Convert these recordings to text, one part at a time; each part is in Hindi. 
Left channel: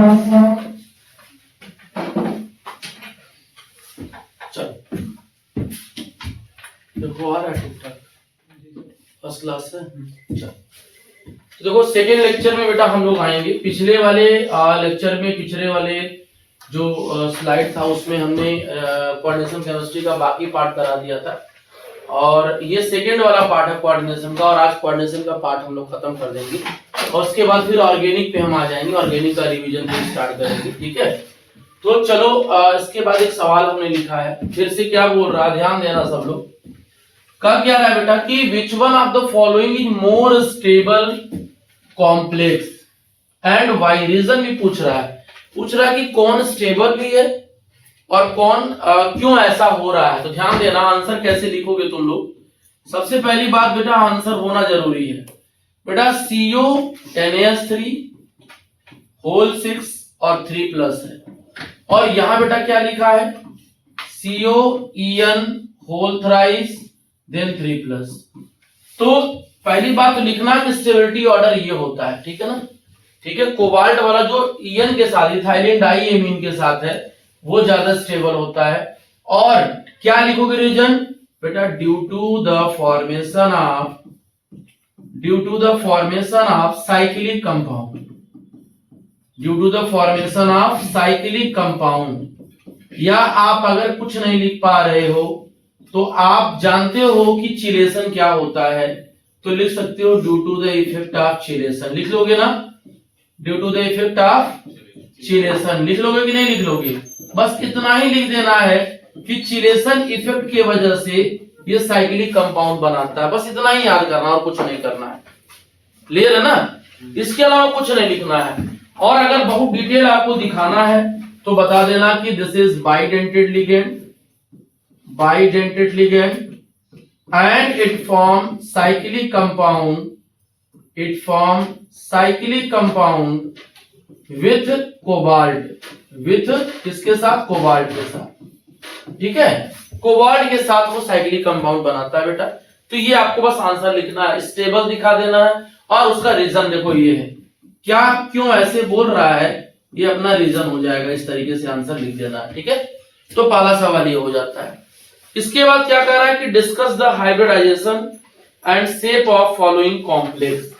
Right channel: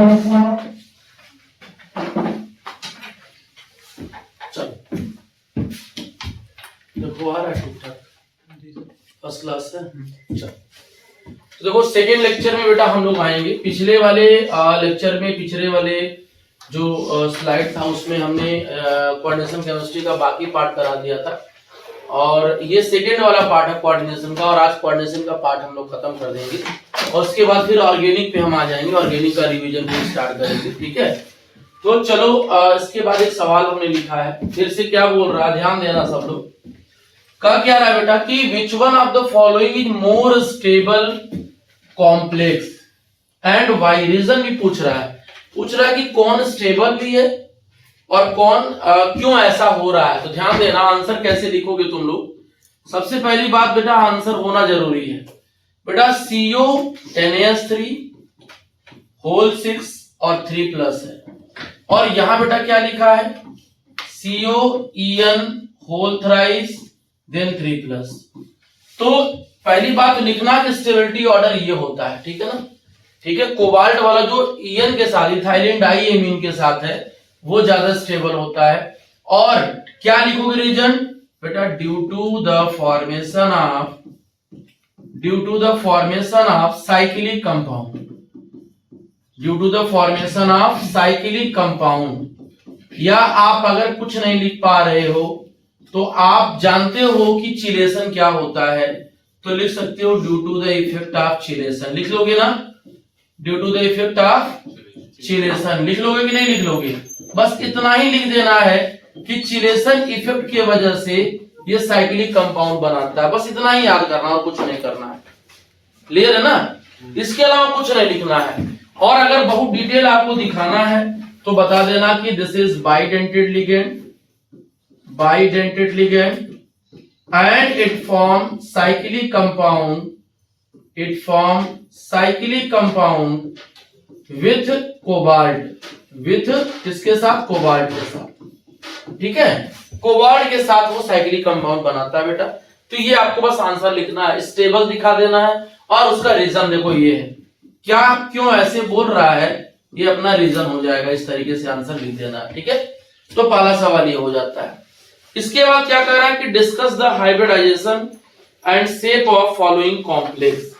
चलो देखो आ रहा है ठीक ठाक, फर्स्ट क्लास है। चलो तो देखो सेकेंड लेक्चर में बेटा हम लोग आएंगे। पिछले वाले लेक्चर में पिछले वाले जो स्लाइड था उसमें हमने कोऑर्डिनेशन केमिस्ट्री का बाकी पार्ट करा दिया था, और ये सेकेंड वाला पार्ट है कोऑर्डिनेशन का, और आज कोऑर्डिनेशन का पार्ट हम लोग खत्म कर देंगे और उसके बाद फिर ऑर्गेनिक पे हम आ जाएंगे, ऑर्गेनिक का रिवीजन भी स्टार्ट करेंगे। ठीक है, तो चलो इसके बाद एक सवाल हमने लिखा है, फिर से क्या बोल रहा है ध्यान देना सब लोग। कहा क्या रहा है बेटा कि which one of the following is more stable complex and why, reason भी पूछ रहा है कि कौन स्टेबल भी है और कौन क्यों ऐसा हो रहा है। तो ध्यान देना आंसर कैसे लिखोगे तुम लोग। सबसे पहली बात बेटा आंसर होना जरूरी है बेटा CO NaS3 होल 6 और 3 प्लस है, और यहां बेटा क्या लिखा है COEN whole thrice then 3 plus. तो पहली बात लिखना कि स्टेबिलिटी ऑर्डर ये होता है, ठीक है ना। ठीक है, कोबाल्ट वाला जो EN के साथ इथाइलिन डाइएमीन के साथ है वो ज्यादा स्टेबल होता है। और क्या लिखोगे रीजन बेटा due to the formation of cyclic compound, due to the formation of cyclic compound. या आप अगर कुछ नहीं लिख पा रहे हो तो आप जानते हो कि चिलेशन क्या होता है, तो लिख सकते हो due to the effect of chelation, लिख लोगे ना, due to the effect of chelation लिख लोगे कि नहीं लिख लोगे। बस इतना ही लिख देना है कि चिलेशन इफेक्ट की वजह से ये साइक्लिक कंपाउंड बनाता है, बस इतना ही याद करना और कुछ नहीं करना है। क्लियर है ना, इसके अलावा कुछ नहीं लिखना है। और अगर बहुत डिटेल आपको दिखाना है तो बता देना कि this is bidentate ligand and it form cyclic compound with cobalt, with किसके साथ, कोबाल्ट के साथ। ठीक है, कोबाल्ट के साथ वो साइक्लिक कंपाउंड बनाता है बेटा। तो ये आपको बस आंसर लिखना है, स्टेबल दिखा देना है, और उसका रीजन देखो ये है, क्या क्यों ऐसे बोल रहा है ये अपना रीजन हो जाएगा, इस तरीके से आंसर लिख देना है। ठीक है, तो पहला सवाल ये हो जाता है। इसके बाद क्या कह रहा है कि discuss the hybridization and shape of following complex.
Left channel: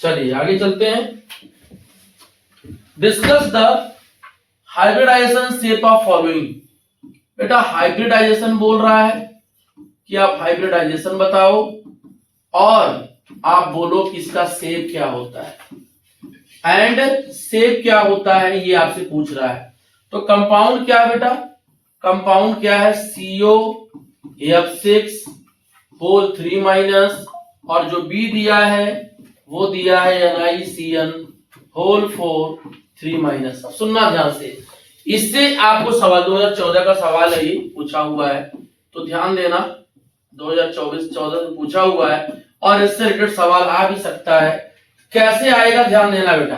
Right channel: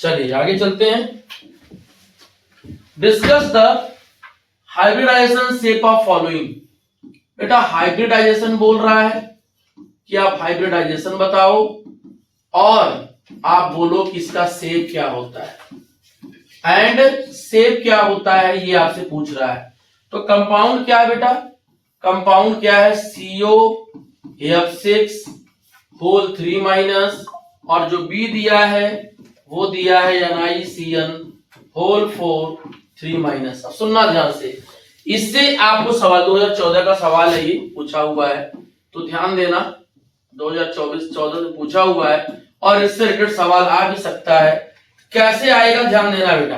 चलिए आगे चलते हैं। Discuss the hybridization shape of following. बेटा हाइब्रिडाइजेशन बोल रहा है कि आप हाइब्रिडाइजेशन बताओ और आप बोलो कि इसका शेप क्या होता है, एंड शेप क्या होता है ये आपसे पूछ रहा है। तो कंपाउंड क्या है बेटा, कंपाउंड क्या है COF6 होल 3 माइनस, और जो B दिया है वो दिया है NiCN होल 4 3 माइनस। अब सुनना ध्यान से, इससे आपको सवाल 2014 का सवाल है, ये पूछा हुआ है, तो ध्यान देना 2024-14 से पूछा हुआ है, और इससे रिलेटेड सवाल आ भी सकता है। कैसे आएगा ध्यान देना बेटा।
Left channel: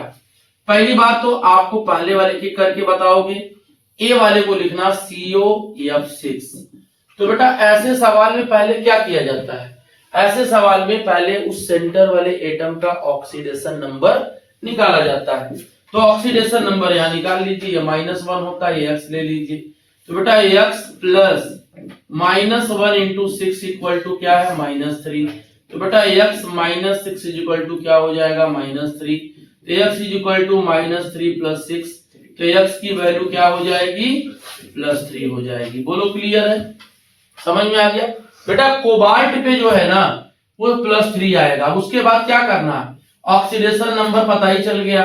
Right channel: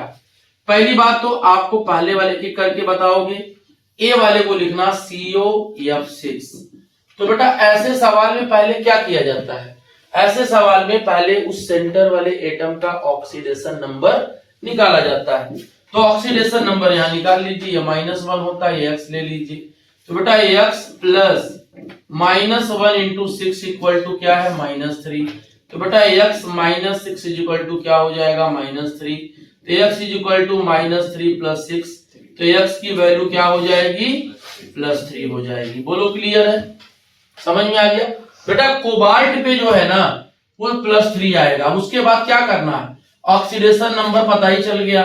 पहली बात तो आपको पहले वाले की करके बताओगे, ए वाले को लिखना COF6। तो बेटा ऐसे सवाल में पहले क्या किया जाता है, ऐसे सवाल में पहले उस सेंटर वाले एटम का ऑक्सीडेशन नंबर निकाला जाता है। तो ऑक्सीडेशन नंबर यहां निकाल लीजिए, -1 होता है, x ले लीजिए। तो बेटा x plus -1 into 6 equal to क्या है -3। तो बेटा x -6 इज इक्वल टू क्या हो जाएगा -3। तो x is equal to -3 plus 6, तो x की वैल्यू क्या हो जाएगी +3 हो जाएगी। बोलो क्लियर है, समझ में आ गया बेटा। कोबाल्ट पे जो है ना वो +3 आएगा। उसके बाद क्या करना है, ऑक्सीडेशन नंबर पता ही चल गया,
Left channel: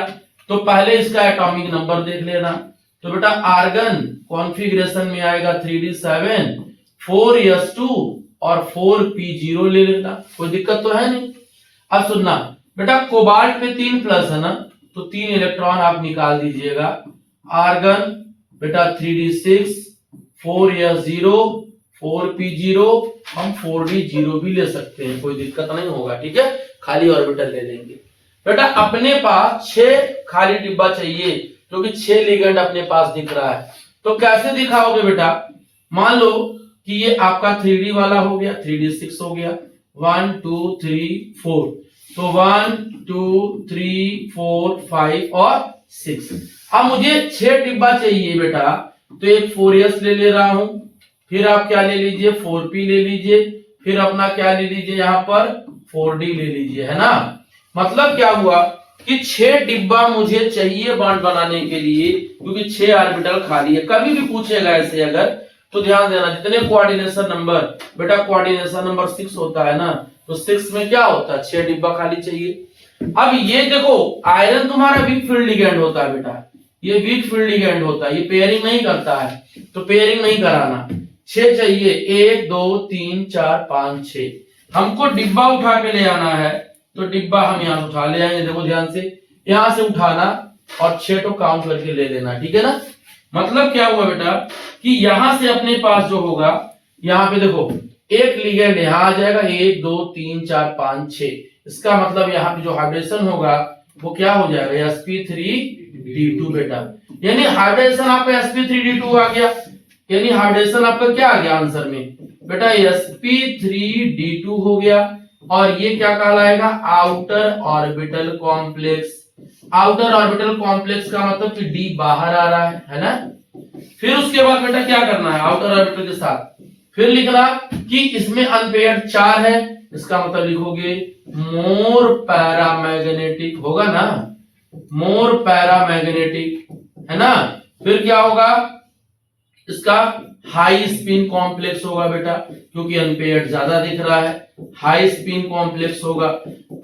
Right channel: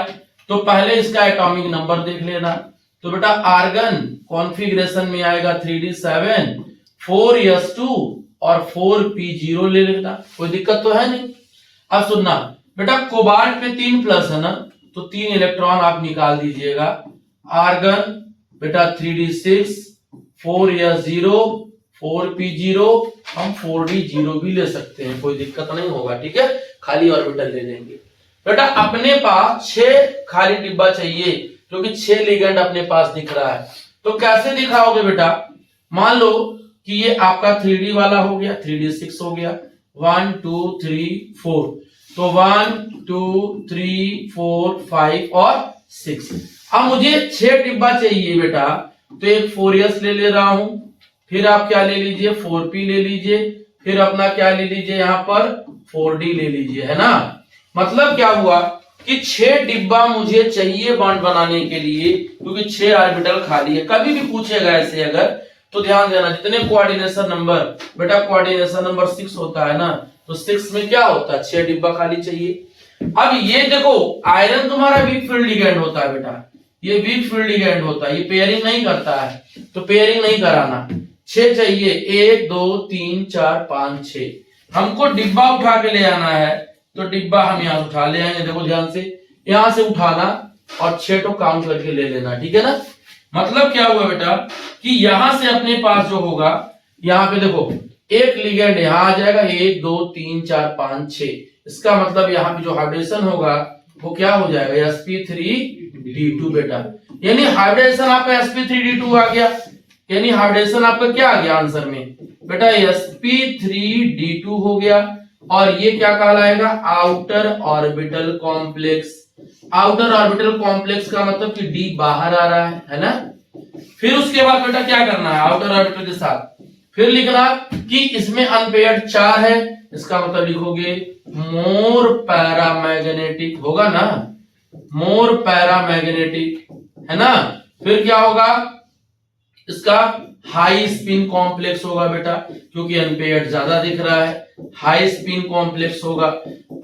तो पहले इसका एटॉमिक नंबर देख लेना। तो बेटा आर्गन कॉन्फ़िगरेशन में आएगा 3d7 4s2 और 4p0 ले लेना, कोई दिक्कत तो है नहीं। अब सुनना बेटा, कोबाल्ट पे 3 प्लस है ना, तो 3 इलेक्ट्रॉन आप निकाल दीजिएगा। आर्गन बेटा 3d6 4s0 4p0, हम 4d0 भी ले सकते हैं, कोई दिक्कत नहीं होगा। ठीक है, खाली ऑर्बिटल ले लेंगे। बेटा अपने पास 6 खाली डिब्बा चाहिए, क्योंकि 6 लिगेंड अपने पास दिख रहा है। तो कैसे दिखाओगे बेटा, मान लो कि ये आपका 3d वाला हो गया, 3d6 हो गया, 1 2 3 4, तो 1 2 3 4 5 और 6। अब मुझे 6 डिब्बा चाहिए बेटा, तो एक 4s ले ले रहा हूं, फिर आप क्या ले लीजिए 4p ले लीजिए, फिर अपना क्या ले लीजिए यहाँ पर 4d ले लीजिए, है ना। मतलब क्या हुआ कि 6 डिब्बा मुझे चाहिए बॉन्ड बनाने के लिए, क्योंकि 6 ऑर्बिटल खाली है। कभी भी पूछेगा ऐसे अगर, तो ध्यान देना जितने कोऑर्डिनेशन नंबर, बेटा कोऑर्डिनेशन नंबर 6 होता है ना, तो 6 में क्या होता है 6 डिब्बा खाली चाहिए। अब ये देखो आयरन तुम्हारा वीक फील्ड लिगेंड होता है बेटा, ये वीक फील्ड लिगेंड होता है, ये पेयरिंग नहीं करता है, तो पेयरिंग नहीं कराना। 6 चाहिए, 1 2 3 4 5 6। हमको डिब्बा उठा के ले आना है, तो डिब्बा हम यहां उठा ले आएंगे। देखो ध्यान से, यहां से उठाना और 6 तो काउंट करके ले लेना, ठीक है ना। मतलब क्या हुआ बेटा कि यहां से अपने पास जो होगा, यहां पे देखो एक लिगेंड यहां आ जाएगा, 1 2 3 4 5 6। इसका मतलब यहाँ पे जो हाइड्रेशन होगा वो क्या हो जाएगा sp3d2 बेटा, यानी हाइड्रेशन आपका sp3d2 आ गया, यानी हाइड्रेशन आपका क्या आ गया आंसर में बेटा sp3d2 हो गया। और ये क्या कहलाएगा outer orbital complex. Outer orbital complex का मतलब कि डी बाहर आ रहा है ना। फिर उसके बाद बेटा क्या करना है आउटर ऑर्बिटल के साथ, फिर लिखना कि इसमें अनपेयर्ड 4 है, इसका मतलब लिखोगे मोर पैरामैग्नेटिक होगा ना, मोर पैरामैग्नेटिक है ना। फिर क्या होगा इसका हाई स्पिन कॉम्प्लेक्स होगा बेटा, क्योंकि अनपेयर्ड ज्यादा दिख रहा है, हाई स्पिन कॉम्प्लेक्स होगा।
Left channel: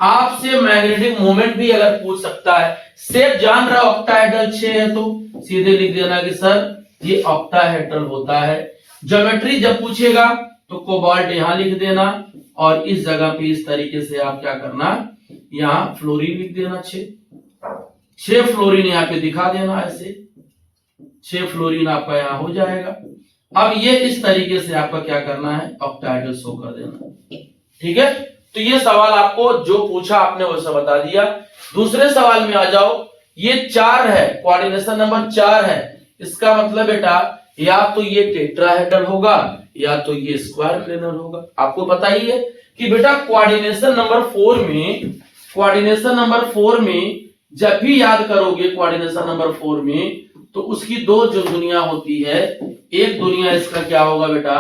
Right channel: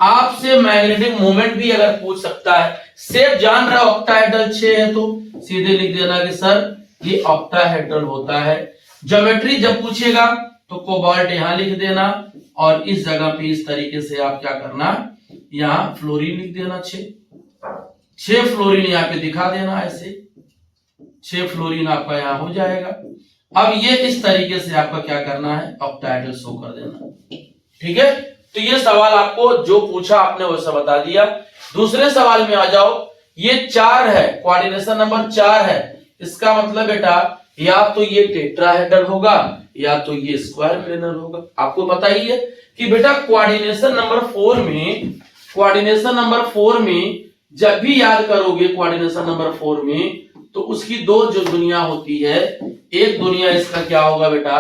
आपसे मैग्नेटिक मोमेंट भी अगर पूछ सकता है, सेफ जान रहा ऑक्टाहेड्रल 6 है तो सीधे लिख देना कि सर ये ऑक्टाहेड्रल होता है। ज्योमेट्री जब पूछेगा तो कोबाल्ट यहां लिख देना, और इस जगह पे इस तरीके से आप क्या करना यहां फ्लोरीन लिख देना, 6 फ्लोरीन यहाँ पे दिखा देना, ऐसे 6 फ्लोरीन आपका यहाँ हो जाएगा। अब ये इस तरीके से आपका क्या करना है ऑक्टाहेड्रल शो कर देना, ठीक है। तो ये सवाल आपको जो पूछा आपने वैसा बता दिया। दूसरे सवाल में आ जाओ, ये 4 है, कोऑर्डिनेशन नंबर 4 है, इसका मतलब बेटा या तो ये टेट्राहेड्रल होगा या तो ये स्क्वायर प्लेनर होगा। आपको पता ही है कि बेटा कोऑर्डिनेशन नंबर 4 में, कोऑर्डिनेशन नंबर 4 में जब भी याद करोगे कोऑर्डिनेशन नंबर 4 में, तो उसकी 2 जो दुनिया होती है, एक दुनिया इसका क्या होगा बेटा,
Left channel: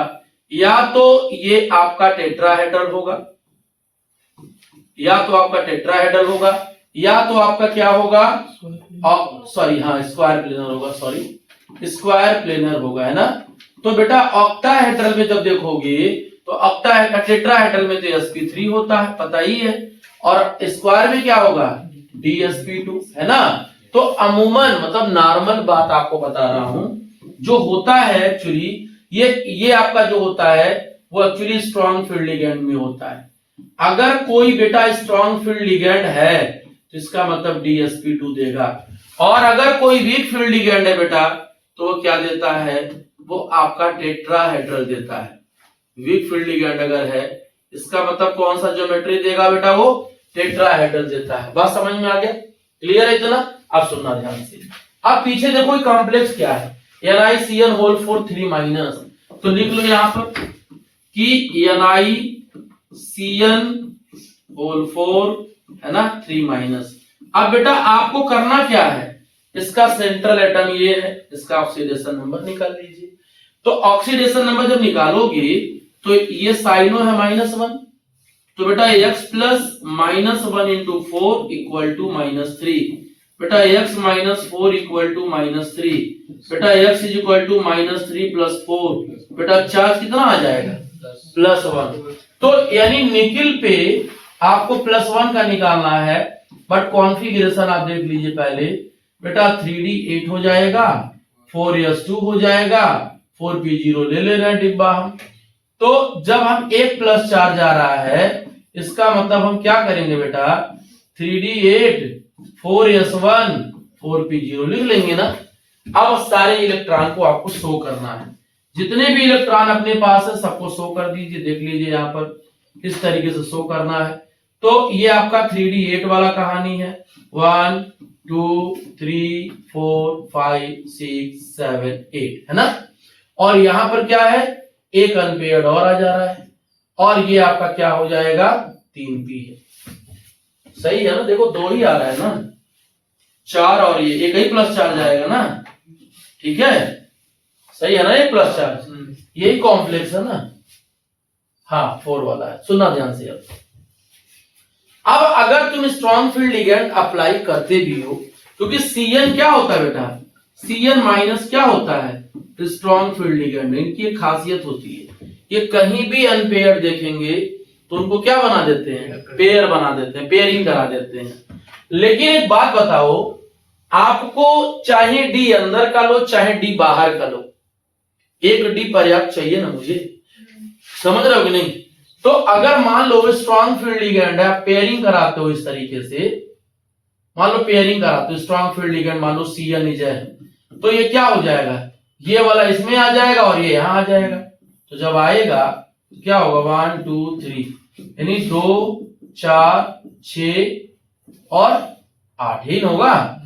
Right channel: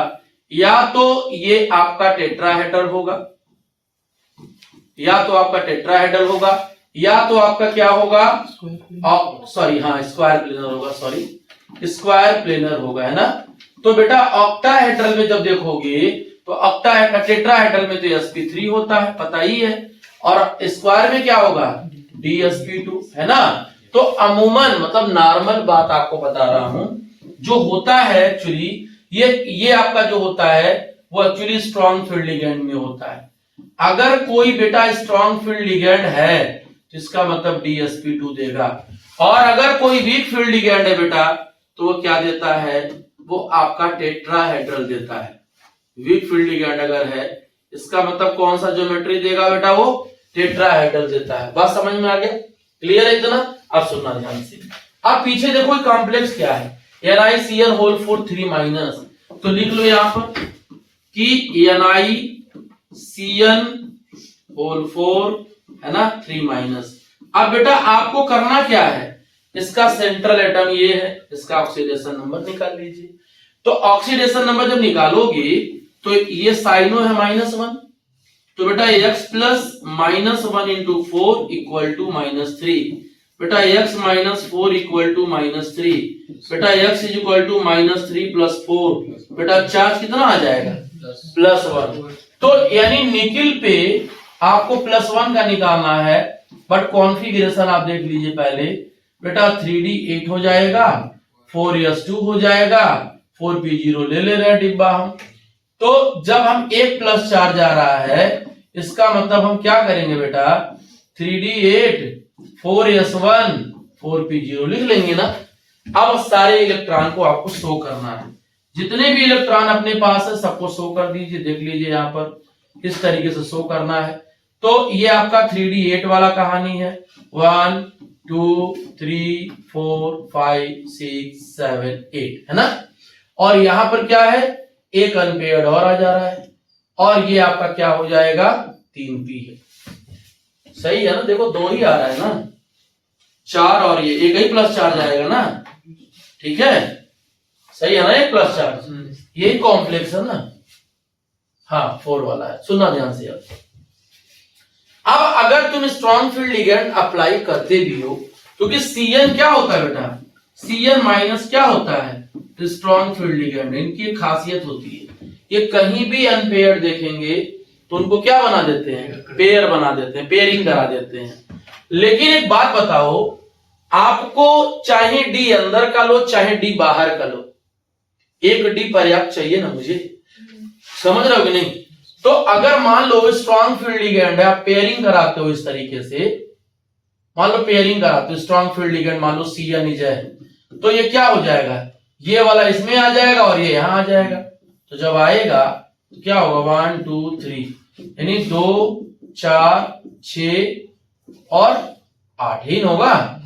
या तो ये आपका टेट्राहेड्रल होगा, या तो आपका टेट्राहेड्रल होगा, या तो आपका क्या होगा सॉरी हाँ स्क्वायर प्लेनर होगा, सॉरी स्क्वायर प्लेनर होगा, है ना। तो बेटा ऑक्टाहेड्रल में जब देखोगे तो ऑक्टाहेड्रल टेट्राहेड्रल में तो sp3 होता है, पता ही है, और स्क्वायर में क्या होगा dsp2, है ना। तो अमूमन मतलब नॉर्मल बात आपको बता रहा हूं, जो होता है एक्चुअली ये आपका जो होता है वो एक्चुअली स्ट्रॉन्ग फील्ड लिगेंड में होता है। अगर कोई बेटा स्ट्रॉन्ग फील्ड लिगेंड है तो इसका मतलब dsp2 देगा, और अगर कोई वीक फील्ड लिगेंड है बेटा तो वो क्या देता है, वो आपका टेट्राहेड्रल देता है। वीक फील्ड लिगेंड अगर है इसका मतलब कौन सा ज्योमेट्री देगा बेटा, वो टेट्राहेड्रल देता है। बात समझ में आ गया, क्लियर है इतना। अब सुनना ध्यान से, अब पीछे देखो कॉम्प्लेक्स क्या है NiCN होल 4 3 माइनस, तो लिख लो यहां पर कि NiCN होल 4 है ना 3 माइनस। अब बेटा आपको करना क्या है, इसका सेंट्रल एटम ये है, इसका ऑक्सीडेशन नंबर निकाल लीजिए। तो ऑक्सीडेशन नंबर जब निकालोगे तो ये साइनो है -1, तो बेटा x plus -1 into 4 equal to -3, बेटा x माइनस 4 इक्वल टू -3, बेटा x is equal to -3 plus 4, बेटा चार्ज कितना आ जाएगा +1। तो यानी निकिल पे आपको +1 का निकालना है, बट कॉन्फ़िगरेशन आप देख लीजिए पहले, बेटा 3d8 हो जाएगा, 4s2 हो जाएगा, 4p0 ले ले रहे हैं डिब्बा हम। तो जब हम 1 प्लस चार्ज आ रहा है, इसका मतलब हम क्या करेंगे बेटा 3d8 4s1 4p0 लिख लेंगे ना। अब सारे इलेक्ट्रॉन को आपको शो करना है, जितने भी इलेक्ट्रॉन अपने पास है सबको शो कर दीजिए, देख लीजिए यहाँ पर इस तरीके से शो करना है। तो ये आपका 3d8 वाला कहानी है, 1 2 3 4 5 6 7 8 है ना। और यहां पर क्या है एक अनपेयर्ड और आ जा रहा है, और ये आपका क्या हो जाएगा 3p है, सही है ना। देखो 2 ही आ रहा है ना, 4 और ये एक ही प्लस चार्ज आएगा ना, ठीक है, सही है ना, ये प्लस चार्ज, यही कॉम्प्लेक्स है ना, हाँ 4 वाला है, सुनना ध्यान से। अब अगर तुम स्ट्रॉन्ग फील्ड लिगेंड अप्लाई करते भी हो, क्योंकि Cn क्या होता है बेटा, Cn माइनस क्या होता है, स्ट्रॉन्ग फील्ड लिगेंड, इनकी एक खासियत होती है, ये कहीं भी अनपेयर्ड देखेंगे तो उनको क्या बना देते हैं, पेयर बना देते हैं, पेयरिंग करा देते हैं। लेकिन एक बात बताओ, आपको चाहे डी अंदर का लो चाहे डी बाहर का लो, एक डी पर्याप्त चाहिए ना मुझे, समझ रहे हो कि नहीं। तो अगर मान लो स्ट्रॉन्ग फील्ड लिगेंड है, आप पेयरिंग कराते हो इस तरीके से, मान लो पेयरिंग कराते हो स्ट्रॉन्ग फील्ड लिगेंड, मान लो Cn इज है, तो ये क्या हो जाएगा, ये वाला इसमें आ जाएगा और ये यहां आ जाएगा। तो जब आएगा तो क्या होगा 1 2 3, यानी 2 4 6 और 8 ही होगा,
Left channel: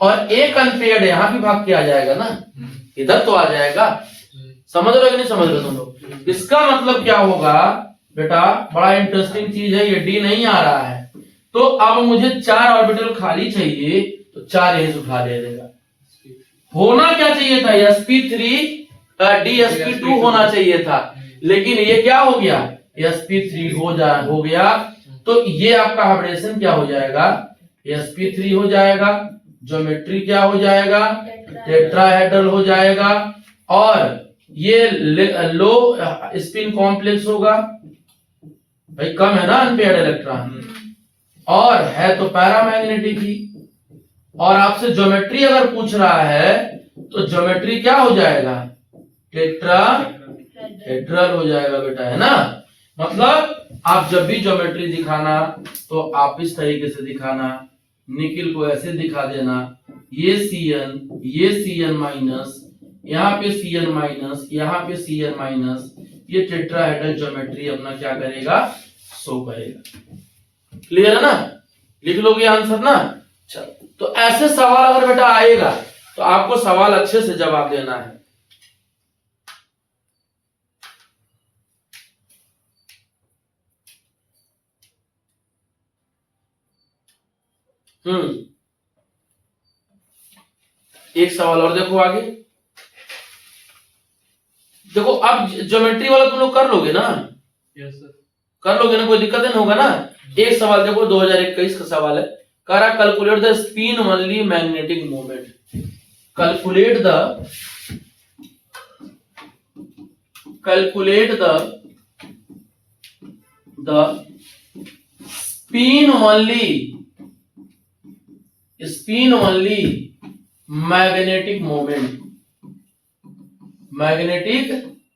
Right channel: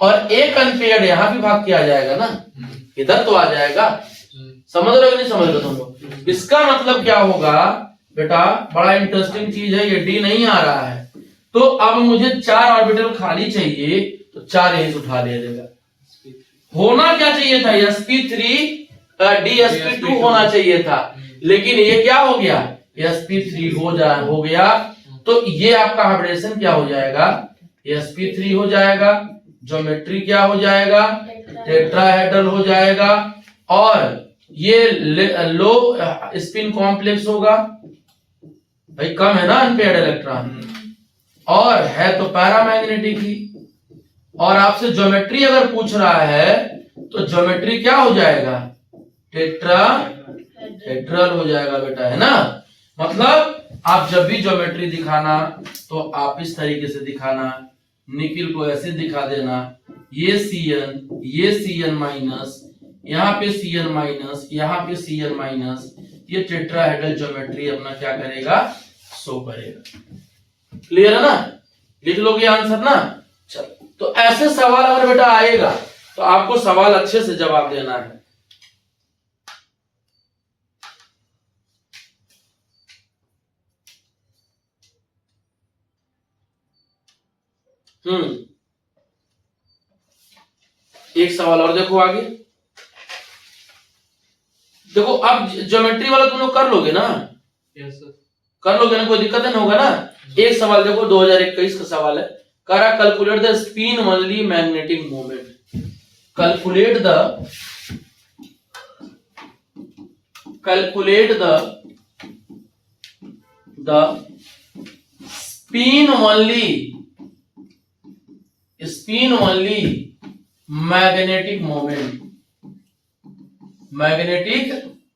और एक अनपेयर्ड यहां भी भाग के आ जाएगा ना, इधर तो आ जाएगा, समझ रहे हो कि नहीं समझ रहे तुम लोग। इसका मतलब क्या होगा बेटा, बड़ा इंटरेस्टिंग चीज है, ये डी नहीं आ रहा है, तो अब मुझे 4 ऑर्बिटल खाली चाहिए, तो 4 यहीं से उठा ले देगा। होना क्या चाहिए था, sp3 dsp2 होना चाहिए था, लेकिन ये क्या हो गया, sp3 हो गया, तो ये आपका हाइब्रिडेशन क्या हो जाएगा, sp3 हो जाएगा, ज्योमेट्री क्या हो जाएगा, टेट्राहेड्रल हो जाएगा, और ये लो स्पिन कॉम्प्लेक्स होगा, भाई कम है ना अनपेयर्ड इलेक्ट्रॉन, और है तो पैरामैग्नेटिक ही, और आपसे ज्योमेट्री अगर पूछ रहा है तो ज्योमेट्री क्या हो जाएगा, टेट्राहेड्रल हो जाएगा बेटा, है ना। मतलब आप जब भी ज्योमेट्री दिखाना तो आप इस तरीके से दिखाना, निकिल को ऐसे दिखा देना, ये Cn माइनस, यहाँ पे Cn माइनस, यहाँ पे Cn माइनस, ये टेट्राहेड्रल ज्योमेट्री अपना क्या करेगा, शो करेगा। क्लियर है ना, लिख लोगे आंसर ना। चलो, तो ऐसे सवाल अगर बेटा आएगा तो आपको सवाल अच्छे से जवाब देना है। एक सवाल और देखो आगे, देखो अब ज्योमेट्री वाला तुम लोग कर लोगे ना, यस सर, कर लोगे ना, कोई दिक्कत नहीं होगा ना। एक सवाल देखो 2021 का सवाल है, करा calculate the spin only magnetic moment, calculate the spin only magnetic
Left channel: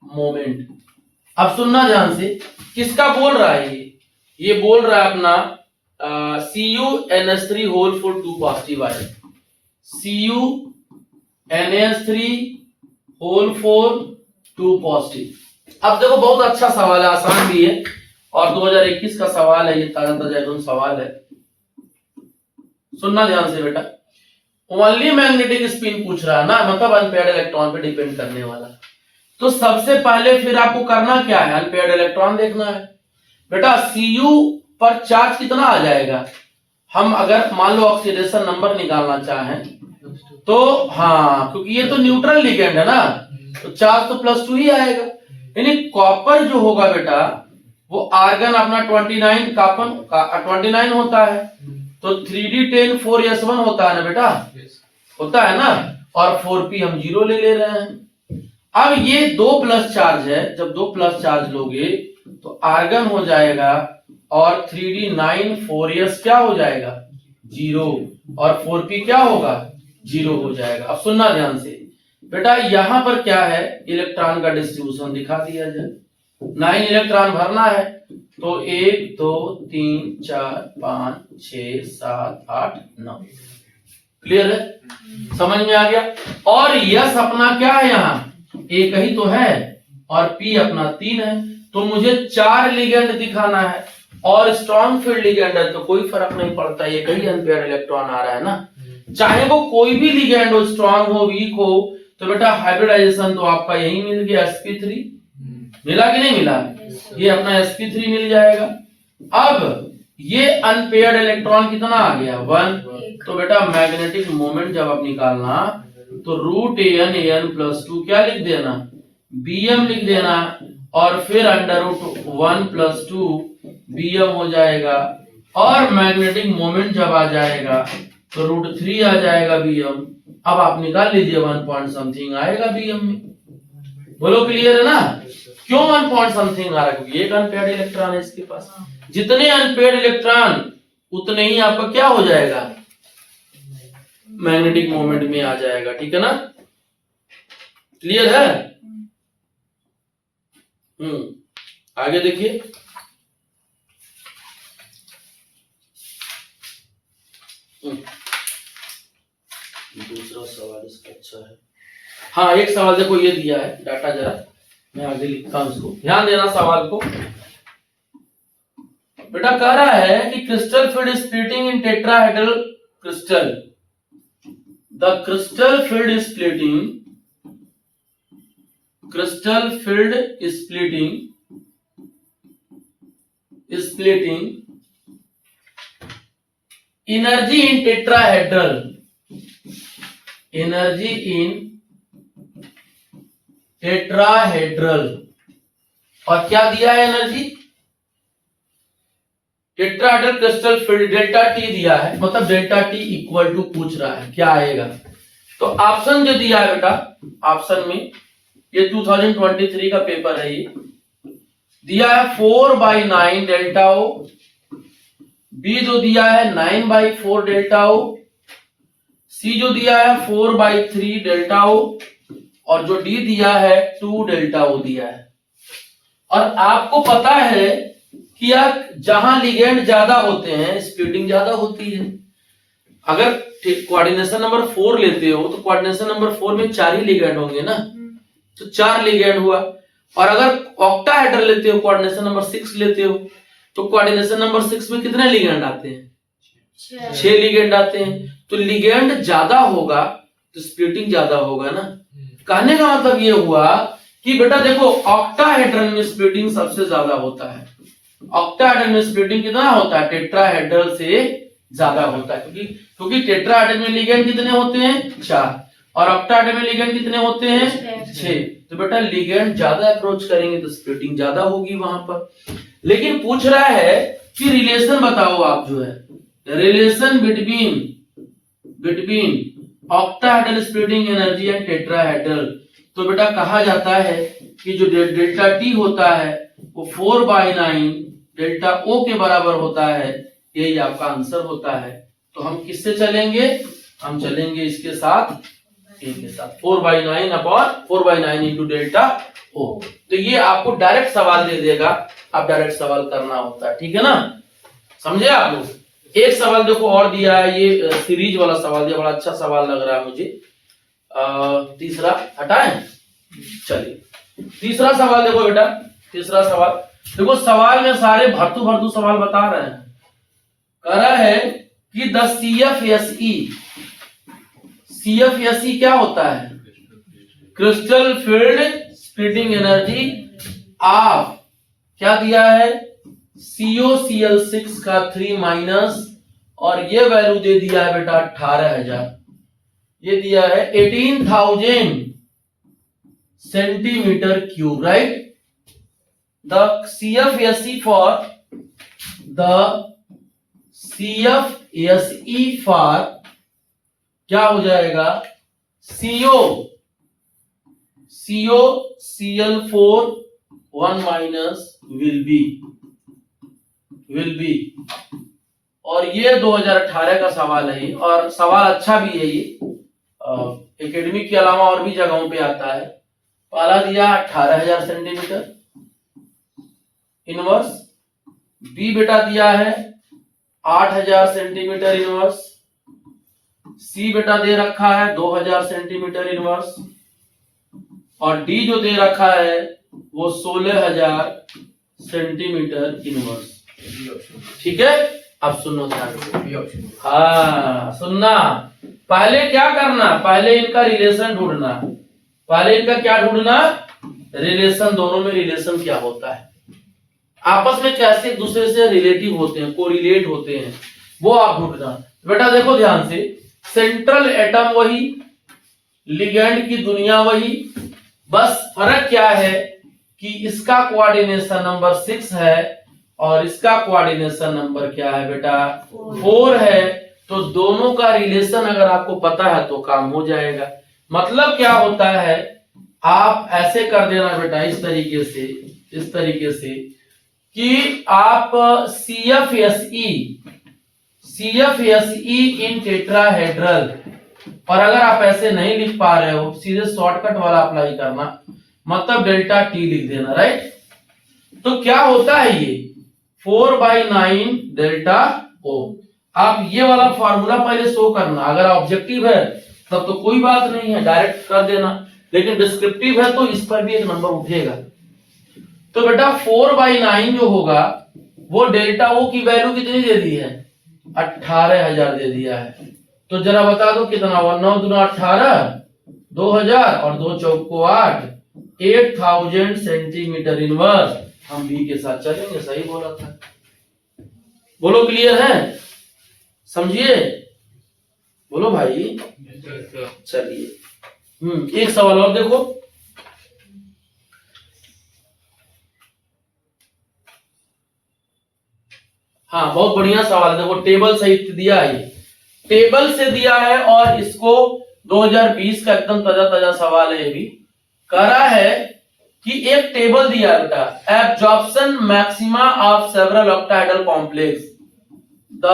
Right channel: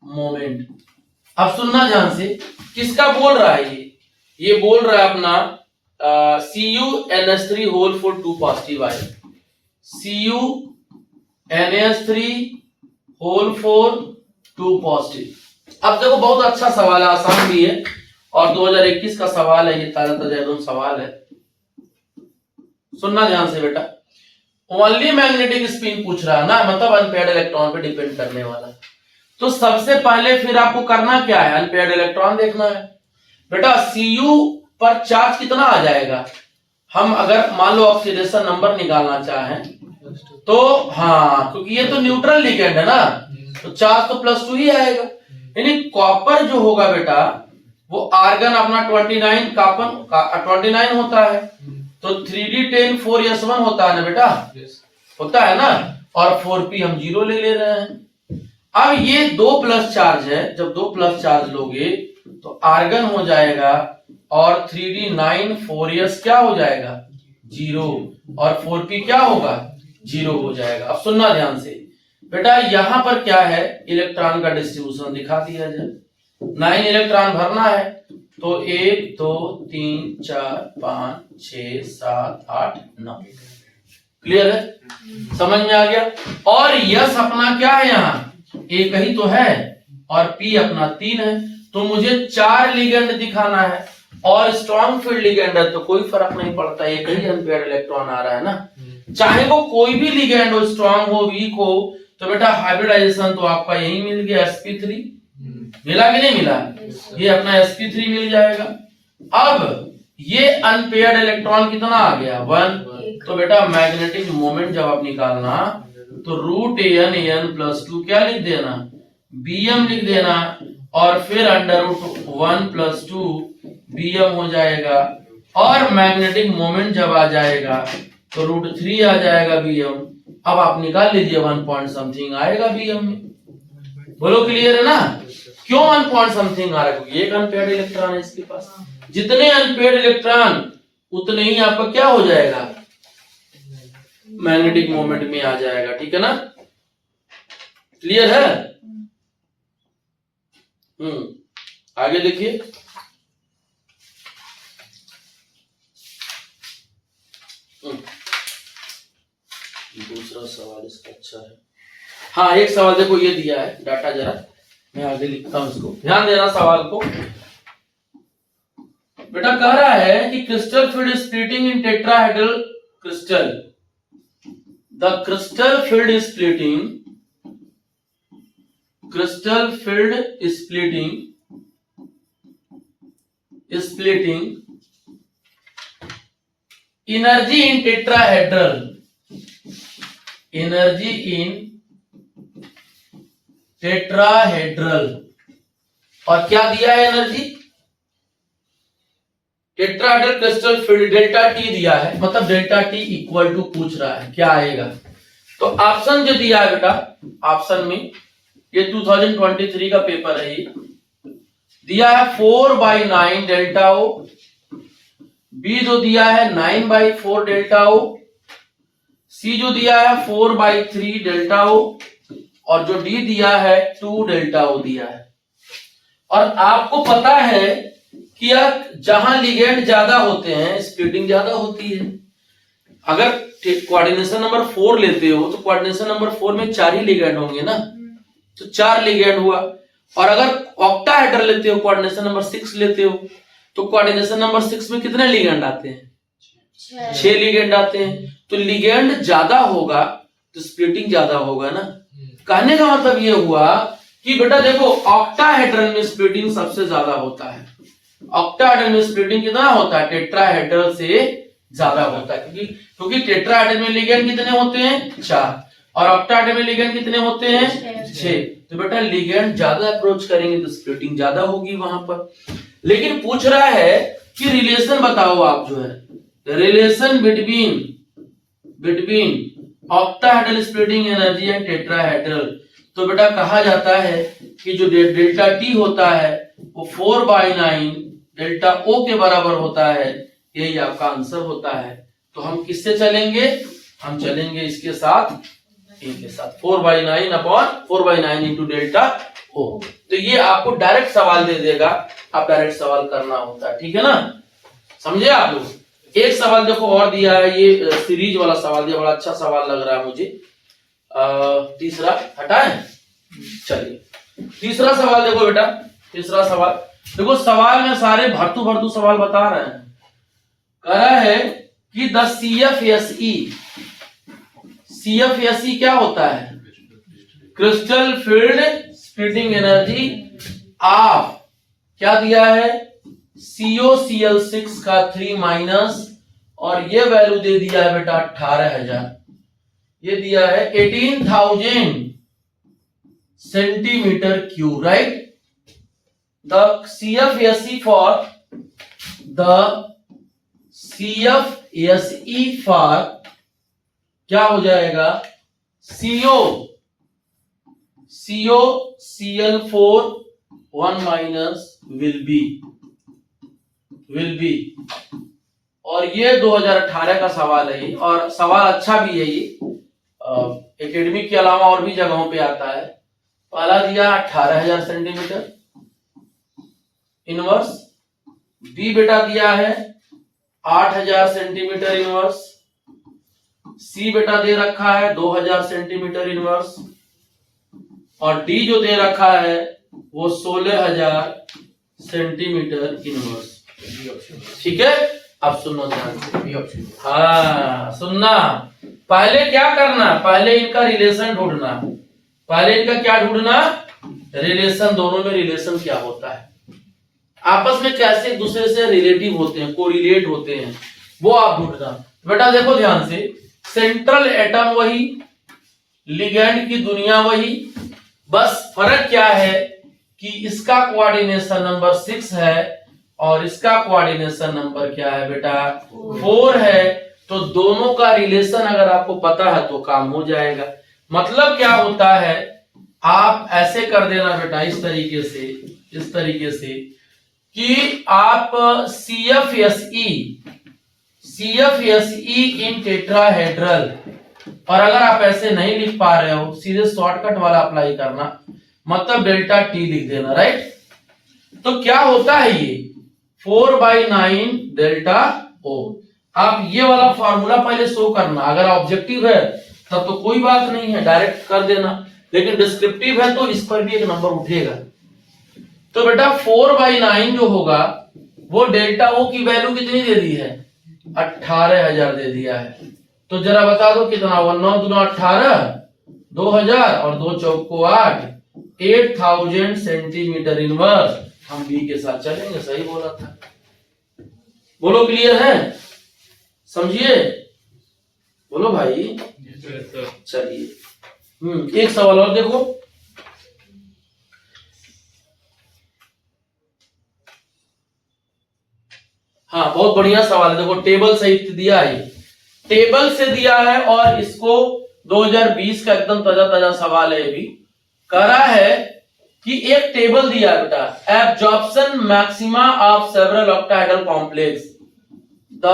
moment. अब सुनना ध्यान से, किसका बोल रहा है ये बोल रहा है अपना CuNH3 whole four 2 positive ion, CuNH3 whole four 2 positive. अब देखो बहुत अच्छा सवाल है, आसान भी है, और 2021 का सवाल है, ये ताजा ताजा एकदम सवाल है, सुनना ध्यान से बेटा। ओनली मैग्नेटिक स्पिन पूछ रहा है ना, मतलब अनपेयर्ड इलेक्ट्रॉन पे डिपेंड करने वाला। तो सबसे पहले फिर आपको करना क्या है, अनपेयर्ड इलेक्ट्रॉन देखना है बेटा। Cu पर चार्ज कितना आ जाएगा, हम अगर मान लो ऑक्सीडेशन नंबर निकालना चाहें तो, हाँ क्योंकि ये तो न्यूट्रल लिगेंड है ना, तो चार्ज तो +2 ही आएगा। यानी कॉपर जो होगा बेटा, वो आर्गन अपना 29 होता है, तो 3d10 4s1 होता है ना बेटा, होता है ना, और 4p हम 0 ले रहे हैं। अब ये 2 प्लस चार्ज है, जब 2 प्लस चार्ज लोगे तो आर्गन हो जाएगा, और 3d9 4s क्या हो जाएगा 0, और 4p क्या होगा 0 हो जाएगा। अब सुनना ध्यान से बेटा, यहां पर क्या है, इलेक्ट्रॉन का डिस्ट्रीब्यूशन दिखा दिया जाए। 9 इलेक्ट्रॉन भरना है, तो 1 2 3 4 5 6 7 8 9। क्लियर है, समझ में आ गया। और यस अपना क्या है, यहाँ एक ही तो है, और पी अपना 3 है, तो मुझे 4 लिगेंड दिखाना है, और स्ट्रॉन्ग फील्ड लिगेंड है तो कोई फर्क नहीं पड़ता, एक ही अनपेयर्ड इलेक्ट्रॉन आ रहा है ना, चाहे वो कोई भी लिगेंड हो, स्ट्रॉन्ग हो वीक हो, तो बेटा हाइब्रिडाइजेशन तो आपका यही मिल गया, sp3 मिला कि नहीं मिला, ये अपना sp3 मिल जाएगा। अब ये अनपेयर्ड इलेक्ट्रॉन कितना आ गया 1, तो बेटा मैग्नेटिक मोमेंट जब आप निकालना तो √an+2 क्या लिख देना, bm लिख देना, और फिर √1+2 bm हो जाएगा, और मैग्नेटिक मोमेंट जब आ जाएगा तो √3 आ जाएगा bm। अब आप निकाल लीजिए 1 पॉइंट समथिंग आएगा bm में। बोलो क्लियर है ना? क्यों 1 पॉइंट समथिंग आ रहा है? क्योंकि एक अनपेयर्ड इलेक्ट्रॉन है इसके पास। जितने अनपेयर्ड इलेक्ट्रॉन उतने ही आपका क्या हो जाएगा, मैग्नेटिक मोमेंट में आ जाएगा। ठीक है ना? क्लियर है? आगे देखिए, दूसरा सवाल इसका अच्छा है। हाँ, एक सवाल देखो ये दिया है डाटा, जरा मैं आगे लिखता हूं, उसको ध्यान देना सवाल को। बेटा कह रहा है कि crystal field splitting in tetrahedral crystal, the crystal field splitting energy in tetrahedral, और क्या दिया है energy, tetrahedral crystal field delta T दिया है, मतलब डेल्टा टी इक्वल टू पूछ रहा है क्या आएगा। तो ऑप्शन जो दिया है बेटा, ऑप्शन में ये 2023 का पेपर है, ये दिया है 4/9 डेल्टा ओ, बी जो दिया है 9/4 डेल्टा ओ, सी जो दिया है 4/3 डेल्टा ओ, और जो डी दिया है 2 डेल्टा ओ दिया है। और आपको पता है कि यार जहां लिगेंड ज्यादा होते हैं स्प्लिटिंग ज्यादा होती है। अगर कोऑर्डिनेशन नंबर 4 लेते हो तो कोऑर्डिनेशन नंबर 4 में 4 ही लिगेंड होंगे ना, तो 4 लिगेंड हुआ। और अगर ऑक्टाहेड्रल लेते हो, कोऑर्डिनेशन नंबर 6 लेते हो, तो कोऑर्डिनेशन नंबर 6 में कितने लिगेंड आते हैं, 6 लिगेंड आते हैं। तो लिगेंड ज्यादा होगा तो स्प्लिटिंग ज्यादा होगा ना। कहने का मतलब ये हुआ कि बेटा देखो ऑक्टाहेड्रल में स्प्लिटिंग सबसे ज्यादा होता है। ऑक्टाहेड्रल में स्प्लिटिंग कितना होता है, टेट्राहेड्रल से ज्यादा होता है, क्योंकि टेट्राहेड्रल में लिगेंड कितने होते हैं, 4, और ऑक्टाहेड्रल में लिगेंड कितने होते हैं, 6। तो बेटा लिगेंड ज्यादा अप्रोच करेंगे तो स्प्लिटिंग ज्यादा होगी वहां पर। लेकिन पूछ रहा है कि रिलेशन बताओ आप, जो है relation between octahedral splitting energy and tetrahedral. तो बेटा कहा जाता है कि जो डेल्टा टी होता है वो 4/9 डेल्टा ओ के बराबर होता है। यही आपका आंसर होता है। तो हम किससे चलेंगे, हम चलेंगे इसके साथ, इनके साथ 4/9 इंटू डेल्टा ओ। तो ये आपको डायरेक्ट सवाल दे देगा, आप डायरेक्ट सवाल करना होता है। ठीक है ना, समझे आप लोग? एक सवाल देखो और दिया है, ये सीरीज वाला सवाल दिया, बड़ा अच्छा सवाल लग रहा है मुझे। तीसरा हटाएं, चलिए तीसरा सवाल देखो बेटा। तीसरा सवाल देखो, सवाल में सारे भरतू सवाल बता रहे हैं। कह रहा है कि द CFSE क्या होता है, crystal field splitting energy of, क्या दिया है, COCl6 का 3- और ये वैल्यू दे दिया है बेटा 18,000, ये दिया है 18,000 centimetre cube, right. The CFSE for क्या हो जाएगा, COCl4 1- will be, और ये 2018 का सवाल है, और सवाल अच्छा भी है। ये एकेडमिक के अलावा और भी जगहों पे आता है। पहला दिया 18,000 सेंटीमीटर इनवर्स, बी बेटा दिया है 8,000 सेंटीमीटर इनवर्स, सी बेटा दे रखा है 2,000 सेंटीमीटर इनवर्स, और डी जो दे रखा है वो 16,000 सेंटीमीटर इनवर्स। ठीक है, अब सुनो ध्यान से। हाँ सुनना, पहले क्या करना, पहले इनका रिलेशन ढूंढना। पहले इनका क्या ढूंढना, रिलेशन, दोनों में रिलेशन क्या होता है, आपस में कैसे एक दूसरे से रिलेटिव होते हैं, कोरिलेट होते हैं, वो आप ढूंढना। बेटा देखो ध्यान से, सेंट्रल एटम वही, लिगेंड की दुनिया वही, बस फर्क क्या है कि इसका कोऑर्डिनेशन नंबर 6 है और इसका कोऑर्डिनेशन नंबर क्या है बेटा 4 है। तो दोनों का रिलेशन अगर आपको पता है तो काम हो जाएगा। मतलब क्या होता है, आप ऐसे कर देना बेटा इस तरीके से कि आप CFSE इन टेट्राहेड्रल, और अगर आप ऐसे नहीं लिख पा रहे हो सीधे शॉर्टकट वाला अप्लाई करना, मतलब डेल्टा टी लिख देना, राइट। तो क्या होता है ये 4/9 डेल्टा ओ। आप ये वाला फॉर्मूला पहले शो करना, अगर ऑब्जेक्टिव है तब तो कोई बात नहीं है, डायरेक्ट कर देना, लेकिन डिस्क्रिप्टिव है तो इस पर भी एक नंबर उठेगा। तो बेटा 4/9 जो होगा वो डेल्टा ओ की वैल्यू कितनी दे दी है 18,000 दे दिया है। तो जरा बता दो कितना हुआ, 9 दूना 18, 2000 और 2 चौको 8, 8000 सेंटीमीटर इनवर्स। हम बी के साथ चलेंगे, सही बोला था। बोलो क्लियर है, समझिए, बोलो भाई। चलिए एक सवाल और देखो। हाँ बहुत बढ़िया सवाल है, देखो टेबल सहित दिया है, टेबल से दिया है और इसको 2020 का एकदम ताजा ताजा सवाल है। ये भी करा है कि एक टेबल दिया है बेटा, absorption maxima of several octahedral complex, the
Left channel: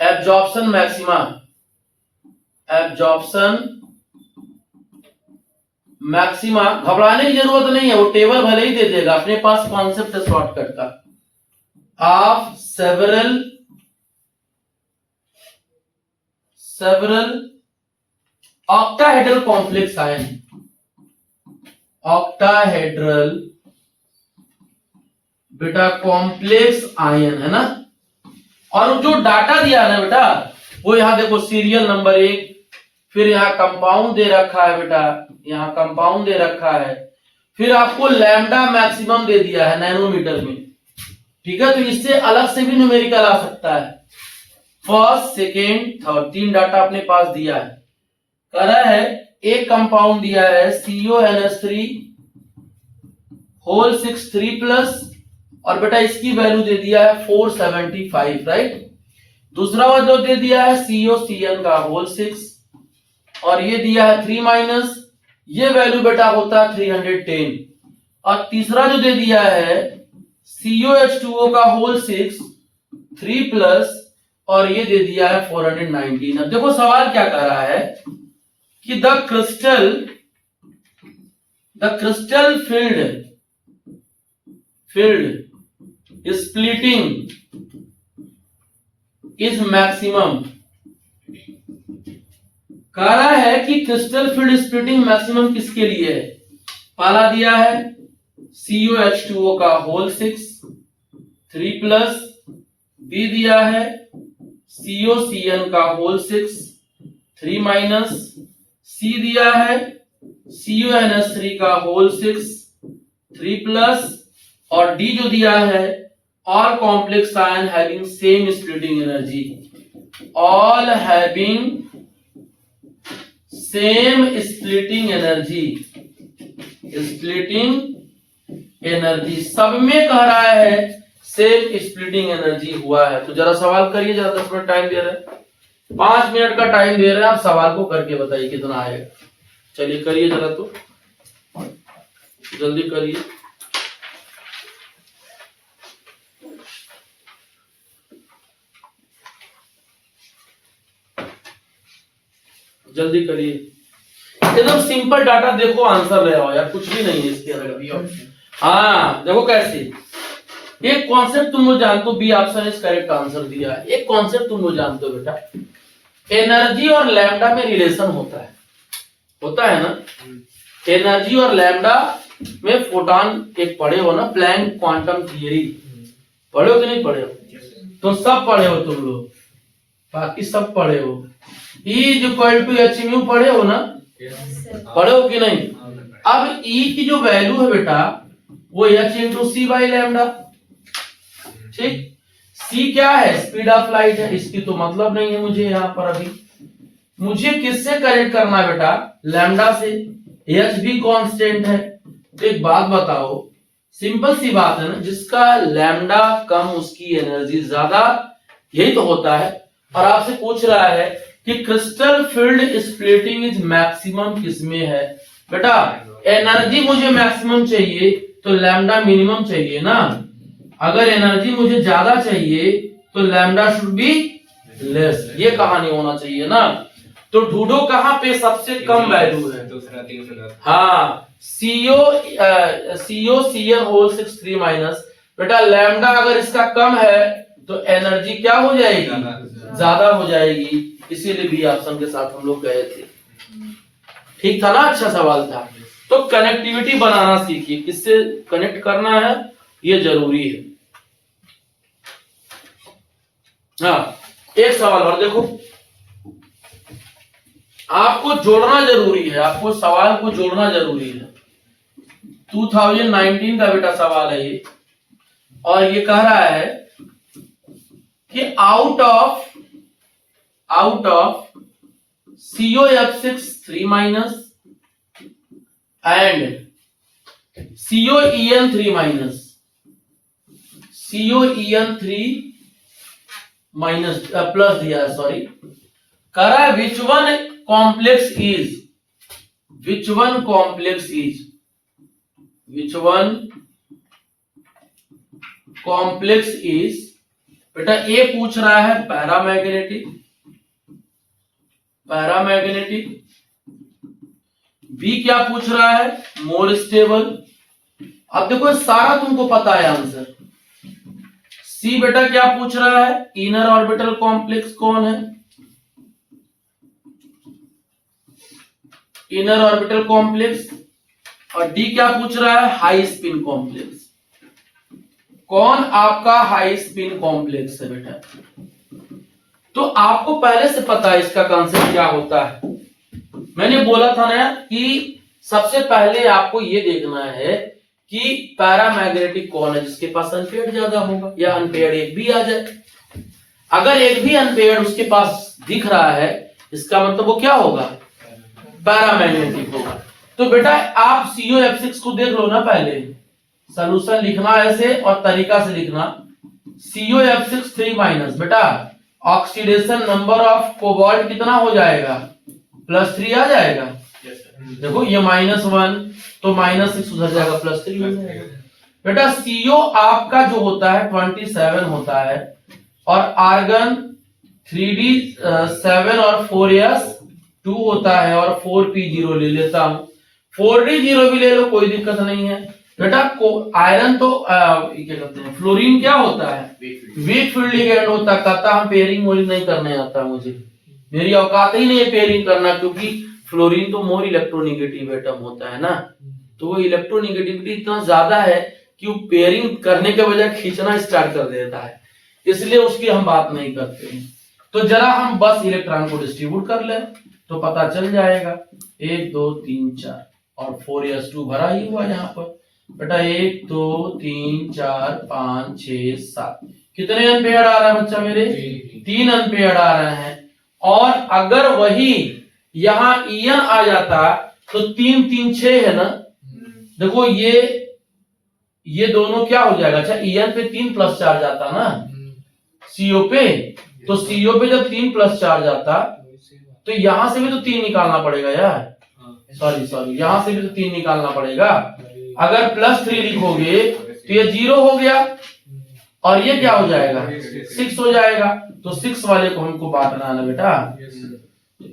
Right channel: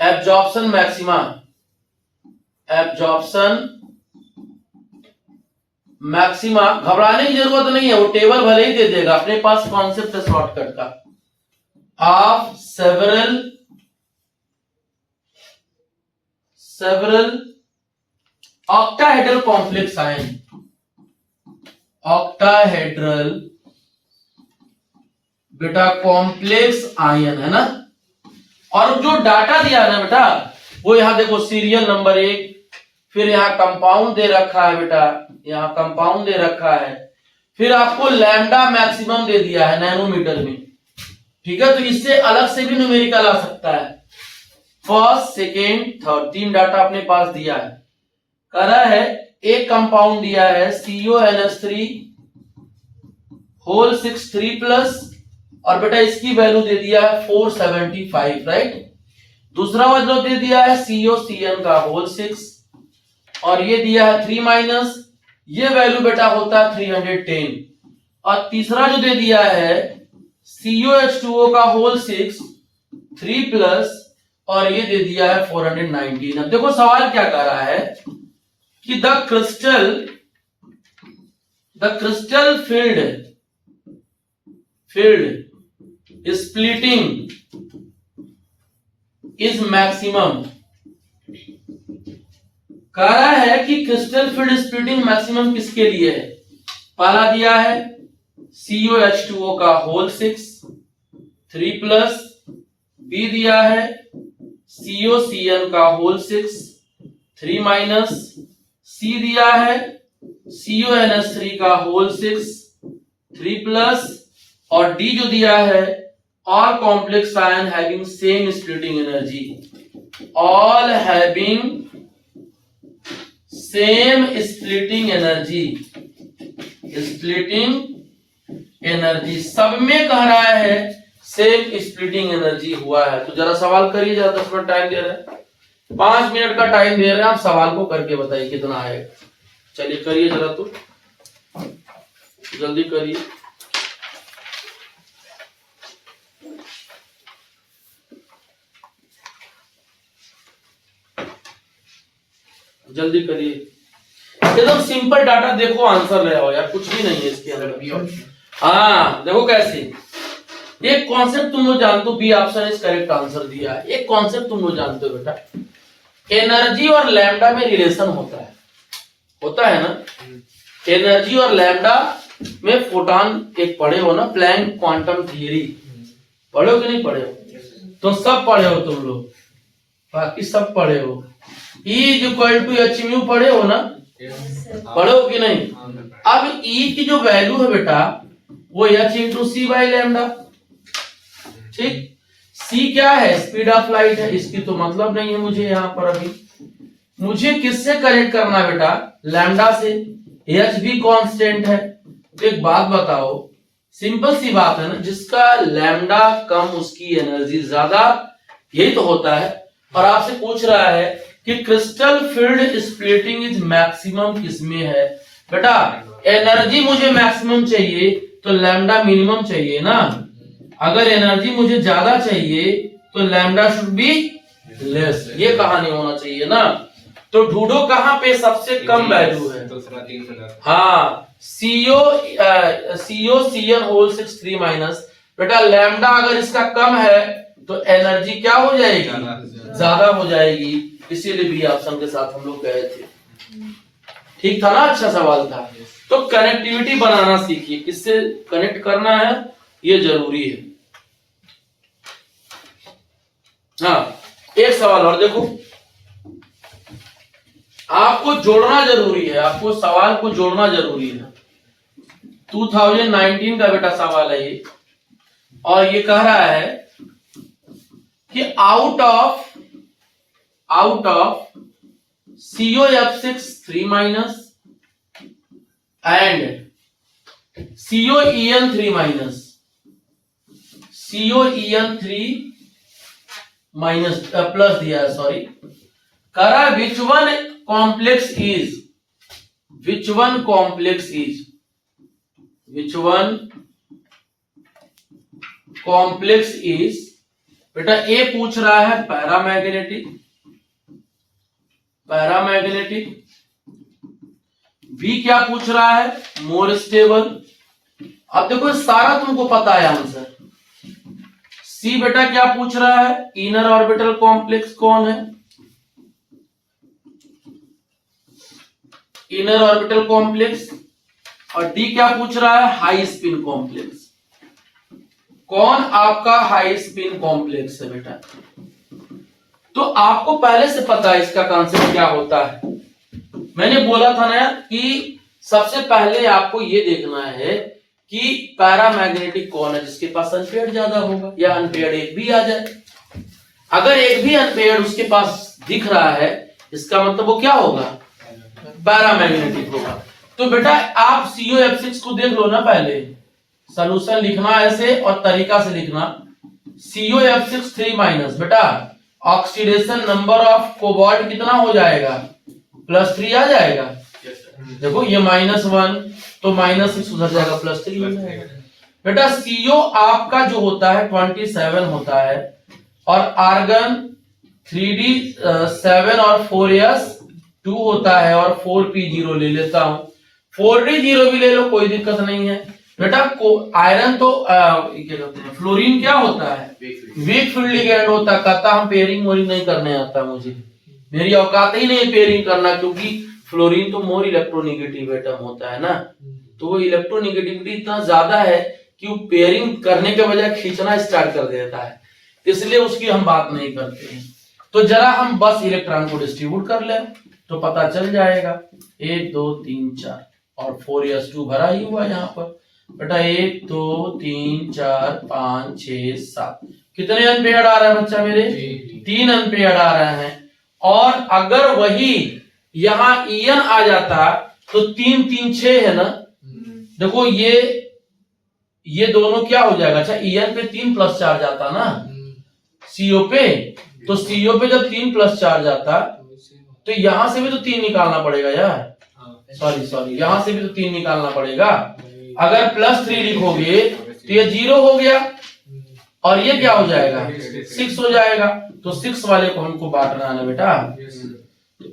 absorption maxima, घबराने की जरूरत नहीं है, वो टेबल भले ही दे देगा, अपने पास कॉन्सेप्ट है शॉर्टकट का, of several octahedral complex ion, octahedral बेटा कॉम्प्लेक्स आयन है ना। और जो डाटा दिया है ना बेटा वो यहां देखो, सीरियल नंबर 1, फिर यहां कंपाउंड दे रखा है बेटा, यहां कंपाउंड दे रखा है, फिर आपको लैम्डा मैक्सिमम दे दिया है नैनोमीटर में, ठीक है। तो इससे अलग से भी न्यूमेरिकल आ सकता है, फर्स्ट सेकेंड थर्ड, 3 डाटा अपने पास दिया है। करा है एक कंपाउंड दिया है CONH3 होल 6 3+, और बेटा इसकी वैल्यू दे दिया है 475, राइट। दूसरा वाला दे दिया है COCN का होल 6, और ये दिया है 3-, ये वैल्यू बेटा होता है 310, और तीसरा जो दे दिया है COH2O का होल 6 3+, और ये दे दिया है 419। अब देखो सवाल क्या कर रहा है कि the crystal field splitting is maximum, कह रहा है कि क्रिस्टल फील्ड स्प्लिटिंग मैक्सिमम किसके लिए है। पहला दिया है COH2O का होल 6 3+, बी दिया है COCN का होल 6 3-, सी दिया है CONH3 का होल 6 3+, और डी जो दिया है all complex ion having same splitting energy, all having same splitting energy, सब में कह रहा है सेम स्प्लिटिंग एनर्जी हुआ है। तो जरा सवाल करिए, जरा 10 मिनट टाइम दे रहे हैं, 5 मिनट का टाइम दे रहे हैं, आप सवाल को करके बताइए कितना आएगा। चलिए करिए जरा, तो जल्दी करिए। जल्दी करिए, एकदम सिंपल डाटा, देखो आंसर ले आओ यार, कुछ भी नहीं है इसके अंदर। हाँ देखो कैसे, एक कॉन्सेप्ट तुम लोग जानते हो, B option is correct answer दिया है। एक कॉन्सेप्ट तुम लोग जानते हो बेटा, एनर्जी और लैम्डा में रिलेशन होता है ना। एनर्जी और लैम्डा में फोटॉन एक पढ़े हो ना, प्लैंक क्वांटम थियरी पढ़े हो कि नहीं पढ़े हो? तो सब पढ़े हो तुम लोग, बाकी सब पढ़े हो। E = hmu पढ़े हो ना, पढ़े हो कि नहीं? अब E की जो वैल्यू है बेटा वो h × c/λ, ठीक। सी क्या है, स्पीड ऑफ लाइट है, इसकी तो मतलब नहीं है मुझे यहाँ पर अभी। मुझे किससे कनेक्ट करना है बेटा, लैम्डा से, एच भी कांस्टेंट है। तो एक बात बताओ, सिंपल सी बात है ना, जिसका लैम्डा कम उसकी एनर्जी ज्यादा, यही तो होता है। और आपसे पूछ रहा है कि crystal field splitting is maximum किसमें है। बेटा एनर्जी मुझे मैक्सिमम चाहिए तो लैम्डा मिनिमम चाहिए ना। अगर एनर्जी मुझे ज्यादा चाहिए तो लैम्डा शुड बी लेस, ये कहानी होना चाहिए ना। तो ढूंढो कहां पे सबसे कम वैल्यू है। हाँ, CO CN होल 6 3 माइनस। बेटा लैम्डा अगर इसका कम है तो एनर्जी क्या हो जाएगी, ज्यादा हो जाएगी। इसीलिए बी ऑप्शन के साथ हम लोग गए थे। ठीक था ना, अच्छा सवाल था। तो कनेक्टिविटी बनाना सीखिए, किससे कनेक्ट करना है ये जरूरी है। हाँ, एक सवाल और देखो, आपको जोड़ना जरूरी है, आपको सवाल को जोड़ना जरूरी है। 2019 का बेटा सवाल है ये, और ये कह रहा है कि out of COF6 3 minus and COEN 3 minus, COEN 3 minus plus दिया है, सॉरी, करा which one complex is, which one complex is, which one complex is. बेटा ए पूछ रहा है पैरामैग्नेटिक, पैरामैग्नेटिक। बी क्या पूछ रहा है, मोर स्टेबल। अब देखो सारा तुमको पता है आंसर। सी बेटा क्या पूछ रहा है, इनर ऑर्बिटल कॉम्प्लेक्स कौन है, इनर ऑर्बिटल कॉम्प्लेक्स। और डी क्या पूछ रहा है, हाई स्पिन कॉम्प्लेक्स। कौन आपका हाई स्पिन कॉम्प्लेक्स है बेटा। तो आपको पहले से पता है इसका कॉन्सेप्ट क्या होता है। मैंने बोला था ना कि सबसे पहले आपको ये देखना है कि पैरामैग्नेटिक कौन है, जिसके पास अनपेयर्ड ज्यादा होगा, या अनपेयर्ड एक भी आ जाए। अगर एक भी अनपेयर्ड उसके पास दिख रहा है, इसका मतलब वो क्या होगा, पैरामैग्नेटिक होगा। तो बेटा आप COF6 को देख लो ना, पहले सॉल्यूशन लिखना ऐसे और तरीका से लिखना। COF6 3 माइनस, बेटा ऑक्सीडेशन नंबर ऑफ कोबाल्ट कितना हो जाएगा, +3 आ जाएगा। देखो ये -1 तो -6 उधर जाएगा, +3 हो जाएगा। बेटा CO आपका जो होता है 27 होता है, और आर्गन 3D7 और 4S 2 होता है, और 4P0 ले लेता हूं, 4D0 भी ले लो, कोई दिक्कत नहीं है। बेटा आयरन तो क्या कहते हैं, फ्लोरीन क्या होता है, वीक फील्ड लिगेंड होता है। कहता हम पेयरिंग वोरिंग नहीं करने आता मुझे, मेरी औकात ही नहीं है पेयरिंग करना, क्योंकि फ्लोरीन तो मोर इलेक्ट्रोनिगेटिव एटम होता है ना। तो वो इलेक्ट्रोनिगेटिविटी इतना ज्यादा है कि वो पेयरिंग करने के बजाय खींचना स्टार्ट कर देता है, इसलिए उसकी हम बात नहीं करते हैं। तो जरा हम बस इलेक्ट्रॉन को डिस्ट्रीब्यूट कर ले तो पता चल जाएगा। 1 2 3 4 और 4s2 भरा ही हुआ यहाँ पर। बेटा 1 2 3 4 5 6 7 कितने अनपेयर्ड आ रहा है बच्चा मेरे, 3 अनपेयर्ड आ रहे हैं। और अगर वही यहाँ EN आ जाता तो 3 3 6 है ना। देखो ये दोनों क्या हो जाएगा, अच्छा EN पे 3 प्लस चार्ज आता ना CO पे, तो CO पे जब 3 प्लस चार्ज आता तो यहां से भी तो 3 निकालना पड़ेगा यार, सॉरी यहां से भी तो 3 निकालना पड़ेगा। अगर +3 लिखोगे तो ये 0 हो गया, और ये क्या हो जाएगा 6 हो जाएगा। तो 6 वाले को हमको बांटना है ना बेटा।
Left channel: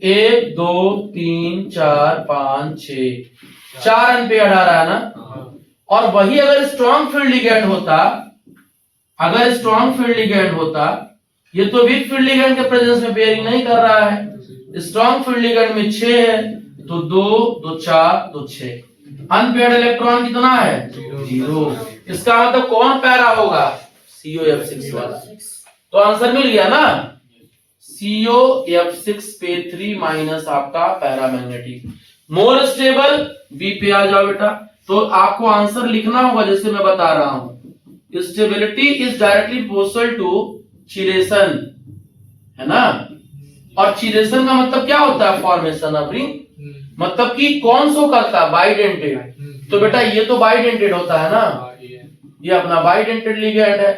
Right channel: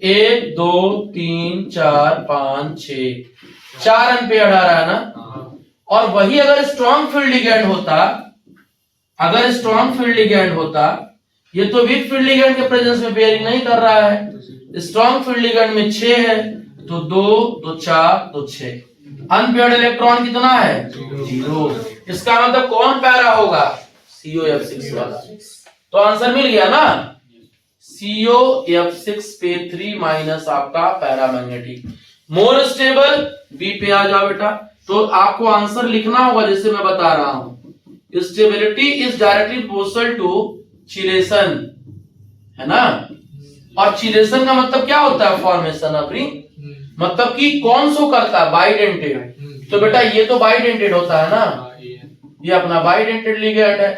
1 2 3 4 5 6 4 अनपेयर्ड आ रहा है ना। और वही अगर स्ट्रॉन्ग फील्ड लिगेंड होता, अगर स्ट्रॉन्ग फील्ड लिगेंड होता, ये तो वीक फील्ड लिगेंड के प्रेजेंस में पेयरिंग नहीं कर रहा है। स्ट्रॉन्ग फील्ड लिगेंड में 6 है, तो 2 2 4 2 6। अनपेयर्ड इलेक्ट्रॉन कितना है 0। इसका मतलब कौन पैरा होगा, COF6 वाला। तो आंसर मिल गया ना, COF6 पे 3 माइनस आपका पैरामैग्नेटिक। मोर स्टेबल बी पे आ जाओ बेटा। तो आपको आंसर लिखना होगा जैसे मैं बता रहा हूं, stability is directly proportional to chelation, है ना। और चिलेशन का मतलब क्या होता है, फॉर्मेशन ऑफ रिंग, मतलब कि कौन सो करता है, बाइडेंटेड। तो बेटा ये तो बाइडेंटेड होता है ना, ये अपना बाइडेंटेड लिगेंड है।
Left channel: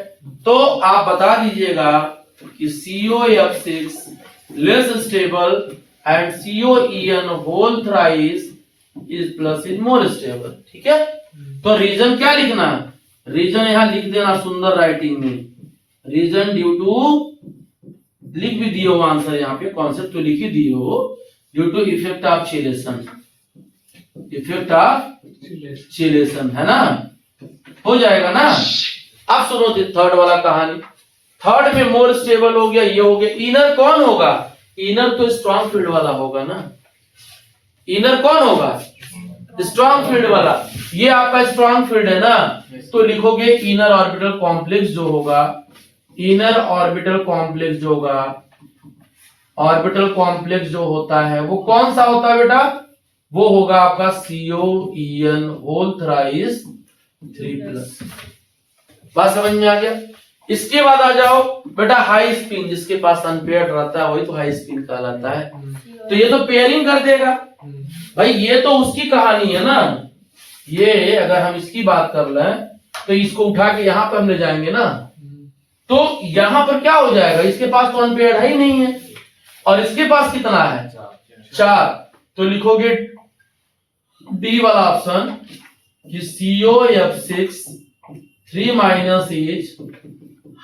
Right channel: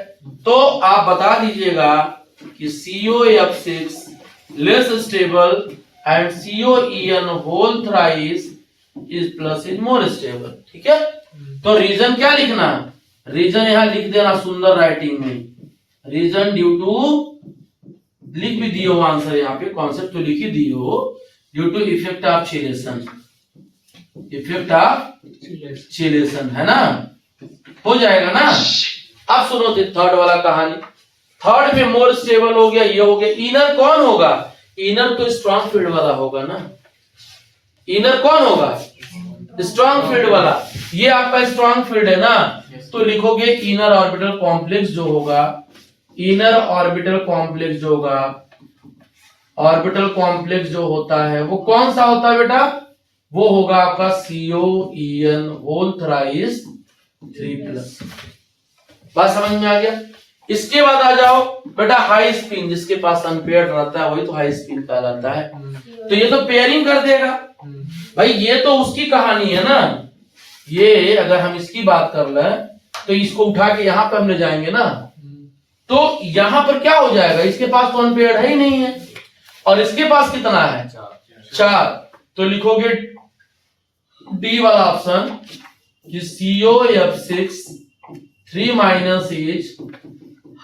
तो आप बता दीजिएगा कि COF6 less stable and COEN whole thrice is plus is more stable, ठीक है। तो रीजन क्या लिखना है, रीजन यहां लिख देना सुंदर राइटिंग में, रीजन ड्यू टू, लिख भी दिए हो आंसर यहाँ पे, कॉन्सेप्ट तो लिख ही दिए हो, due to effect of chelation, effect of chelation, है ना, हो जाएगा ना। अब सुनो थर्ड वाला कहानी। थर्ड में मोर स्टेबल हो गया, ये हो गया। इनर कौन होगा, इनर तो स्ट्रॉन्ग फील्ड वाला होगा ना, इनर कौन होगा, स्ट्रॉन्ग फील्ड वाला, ये आपका स्ट्रॉन्ग फील्ड है ना। तो लिखोगे इनर ऑर्बिटल कॉम्प्लेक्स जो होगा, इनर ऑर्बिटल कॉम्प्लेक्स जो होगा, ऑर्बिटल कॉम्प्लेक्स जो होता है वो कौन सा होता है बेटा, वो होगा आपका COEN होल थ्राइस 3+। बात समझ में आ गया। इसके बाद आ जाओ बेटा हाई स्पिन, जिसके पास अनपेयर्ड रहता है वही तो हाई स्पिन कहलाता है। तो ये तो पेयरिंग कर देगा भाई, ये तो उसकी कहानी है ना। ये अगर हम इसकी बात कर लें तो इसको उठा के यहां पे हम ले जाएंगे ना, तो यहां पर क्या हो जाएगा, इसके पास तो अनपेयर्ड है ही नहीं है, और इसके पास कितना है, 4। तो लिखोगे डी वाला ऑप्शन कि COF6 3- is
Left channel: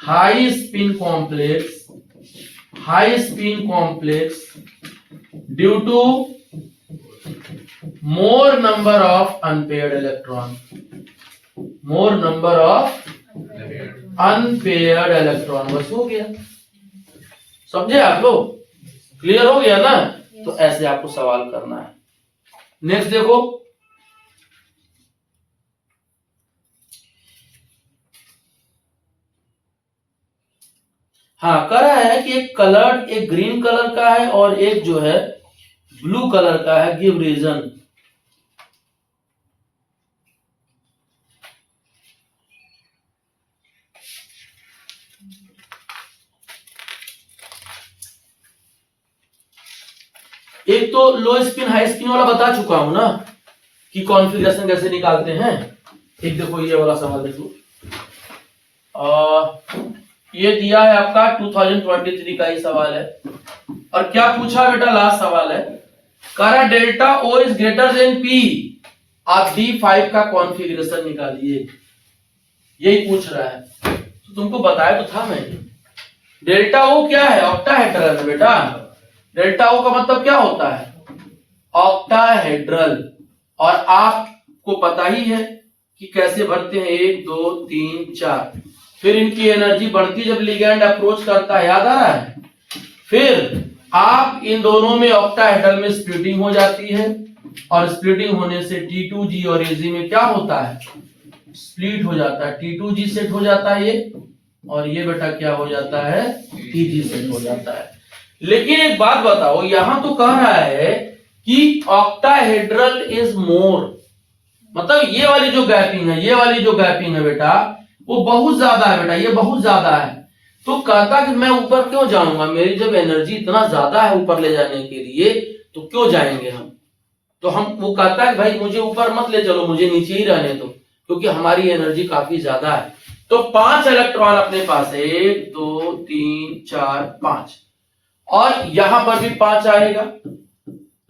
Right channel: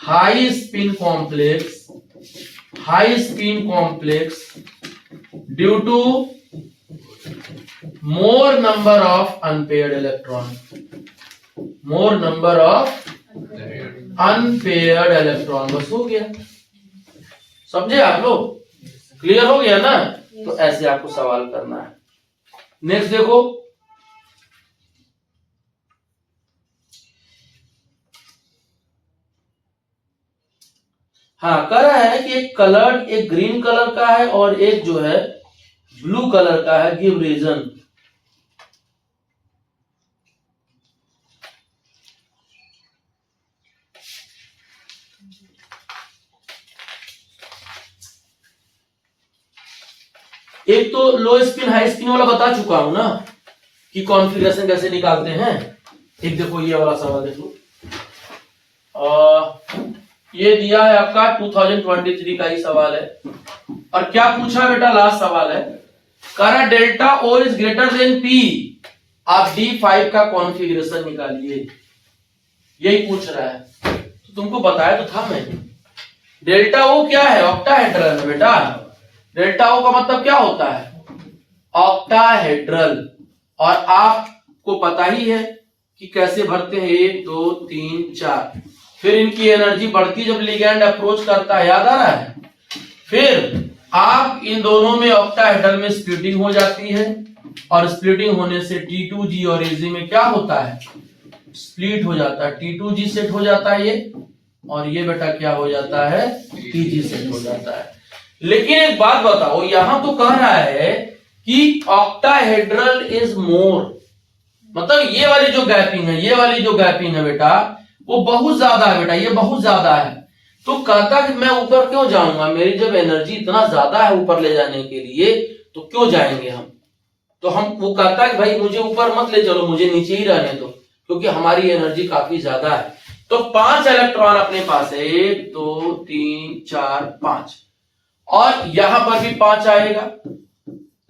high spin complex, high spin complex due to more number of unpaired electron, more number of unpaired electron. बस हो गया, समझे आप लोग, क्लियर हो गया ना। तो ऐसे आपको सवाल करना है। नेक्स्ट देखो, हाँ कह रहा है कि एक कलर, एक ग्रीन कलर का है और एक जो है ब्लू कलर का है, गिव रीजन। एक तो लो स्पिन हाई स्पिन वाला बता चुका हूं ना कि कॉन्फ़िगरेशन कैसे निकालते हैं। एक देखो ये वाला सवाल देखो, ये दिया है आपका 2023 का ही सवाल है, और क्या पूछा है बेटा, लास्ट सवाल है, कह रहा delta O is greater than P, आप D5 का कॉन्फ़िगरेशन निकालिए, यही पूछ रहा है। तो तुमको बताया तो था मैंने, डेल्टा O क्या है, ऑक्टाहेड्रल है बेटा। डेल्टा O का मतलब क्या होता है, ऑक्टाहेड्रल, और आपको पता ही है कि कैसे भरते हैं, 1 2 3 4, फिर इनकी एनर्जी बढ़ती जब लिगैंड अप्रोच करता है, याद आ रहा है। फिर आप इन दोनों में ऑक्टाहेड्रल में स्प्लिटिंग हो जाती है, और स्प्लिटिंग होने से T2G और AG में क्या होता है, स्प्लिट हो जाता है, T2G सेट हो जाता है ये, और ये बेटा क्या हो जाता है, TG सेट हो जाता है। लेकिन एक बात बताओ, यहां तो कह रहा है कि ऑक्टाहेड्रल इज मोर, मतलब ये वाली जो गैपिंग है, ये वाली जो गैपिंग है बेटा वो बहुत ज्यादा है बेटा, ये बहुत ज्यादा है। तो कहता कि मैं ऊपर क्यों जाऊंगा, मेरी जब एनर्जी इतना ज्यादा है ऊपर ले जाने के लिए, तो क्यों जाएंगे हम। तो हम, वो कहता है कि भाई मुझे ऊपर मत ले चलो, मुझे नीचे ही रहने दो, क्योंकि हमारी एनर्जी काफी ज्यादा है। तो 5 इलेक्ट्रॉन अपने पास है, 1 2 3 4 5, और यहां पर भी 5 आएगा।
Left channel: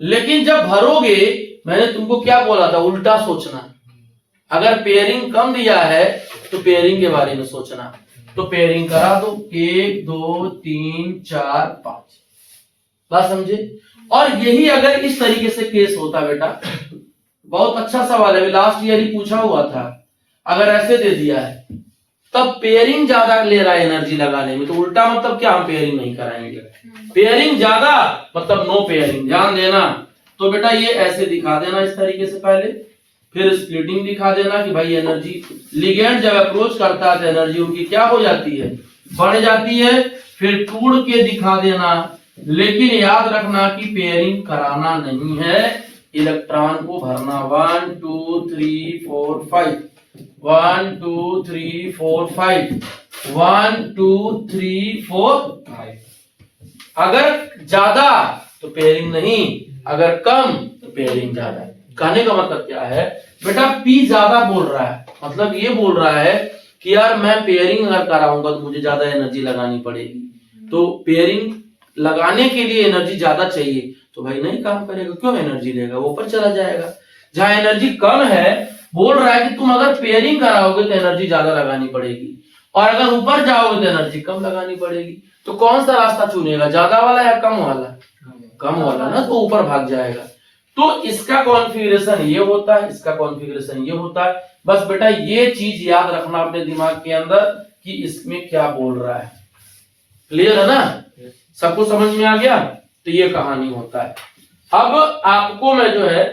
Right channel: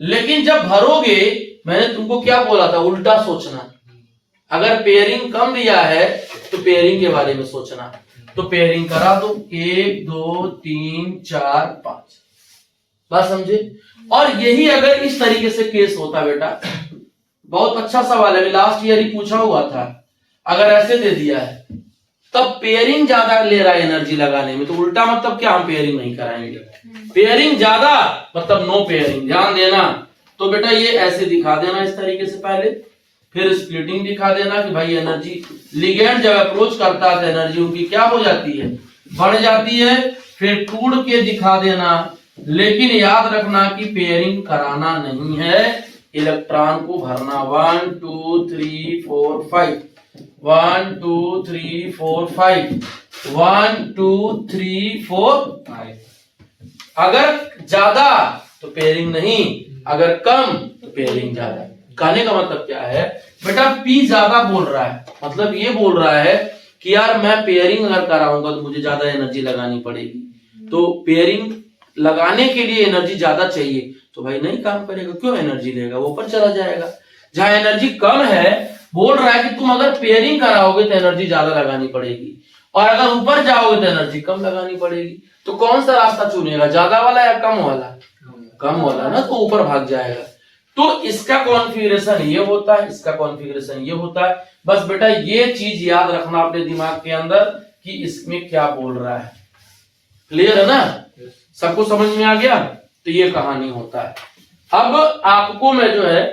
लेकिन जब भरोगे, मैंने तुमको क्या बोला था, उल्टा सोचना। अगर पेयरिंग कम दिया है तो पेयरिंग के बारे में सोचना। तो पेयरिंग करा दो, 1 2 3 4 5, बात समझे। और यही अगर इस तरीके से केस होता बेटा, बहुत अच्छा सवाल है, लास्ट ईयर ही पूछा हुआ था। अगर ऐसे दे दिया है तब पेयरिंग ज्यादा ले रहा है एनर्जी लगाने में, तो उल्टा मतलब क्या, हम पेयरिंग नहीं कराएंगे। पेयरिंग ज्यादा मतलब नो पेयरिंग, ध्यान देना। तो बेटा ये ऐसे दिखा देना इस तरीके से पहले, फिर स्प्लिटिंग दिखा देना कि भाई एनर्जी, लिगेंड जब अप्रोच करता है तो एनर्जी उनकी क्या हो जाती है, बढ़ जाती है। फिर टूट के दिखा देना, लेकिन याद रखना कि पेयरिंग कराना नहीं है, इलेक्ट्रॉन को भरना 1 2 3 4 5। 1 2 3 4 5 1 2 3 4 5। अगर ज्यादा तो पेयरिंग नहीं, अगर कम तो पेयरिंग ज्यादा। कहने का मतलब क्या है बेटा, P ज्यादा बोल रहा है, मतलब ये बोल रहा है कि यार मैं पेयरिंग अगर कराऊंगा तो मुझे ज्यादा एनर्जी लगानी पड़ेगी, तो पेयरिंग लगाने के लिए एनर्जी ज्यादा चाहिए, तो भाई नहीं काम करेगा, क्यों एनर्जी लेगा, वो ऊपर चला जाएगा। जहां एनर्जी कम है बोल रहा है कि तुम अगर पेयरिंग कराओगे तो एनर्जी ज्यादा लगानी पड़ेगी, और अगर ऊपर जाओगे तो एनर्जी कम लगानी पड़ेगी। तो कौन सा रास्ता चुनेगा, ज्यादा वाला या कम वाला? कम वाला ना, तो ऊपर भाग जाएगा। तो इसका कॉन्फ़िगरेशन ये होता है, इसका कॉन्फ़िगरेशन ये होता है। बस बेटा ये चीज याद रखना अपने दिमाग के अंदर कि इसमें क्या बोल रहा है। क्लियर है ना, सबको समझ में आ गया? तो ये कहानी होता है। अब आपको मैं जो है,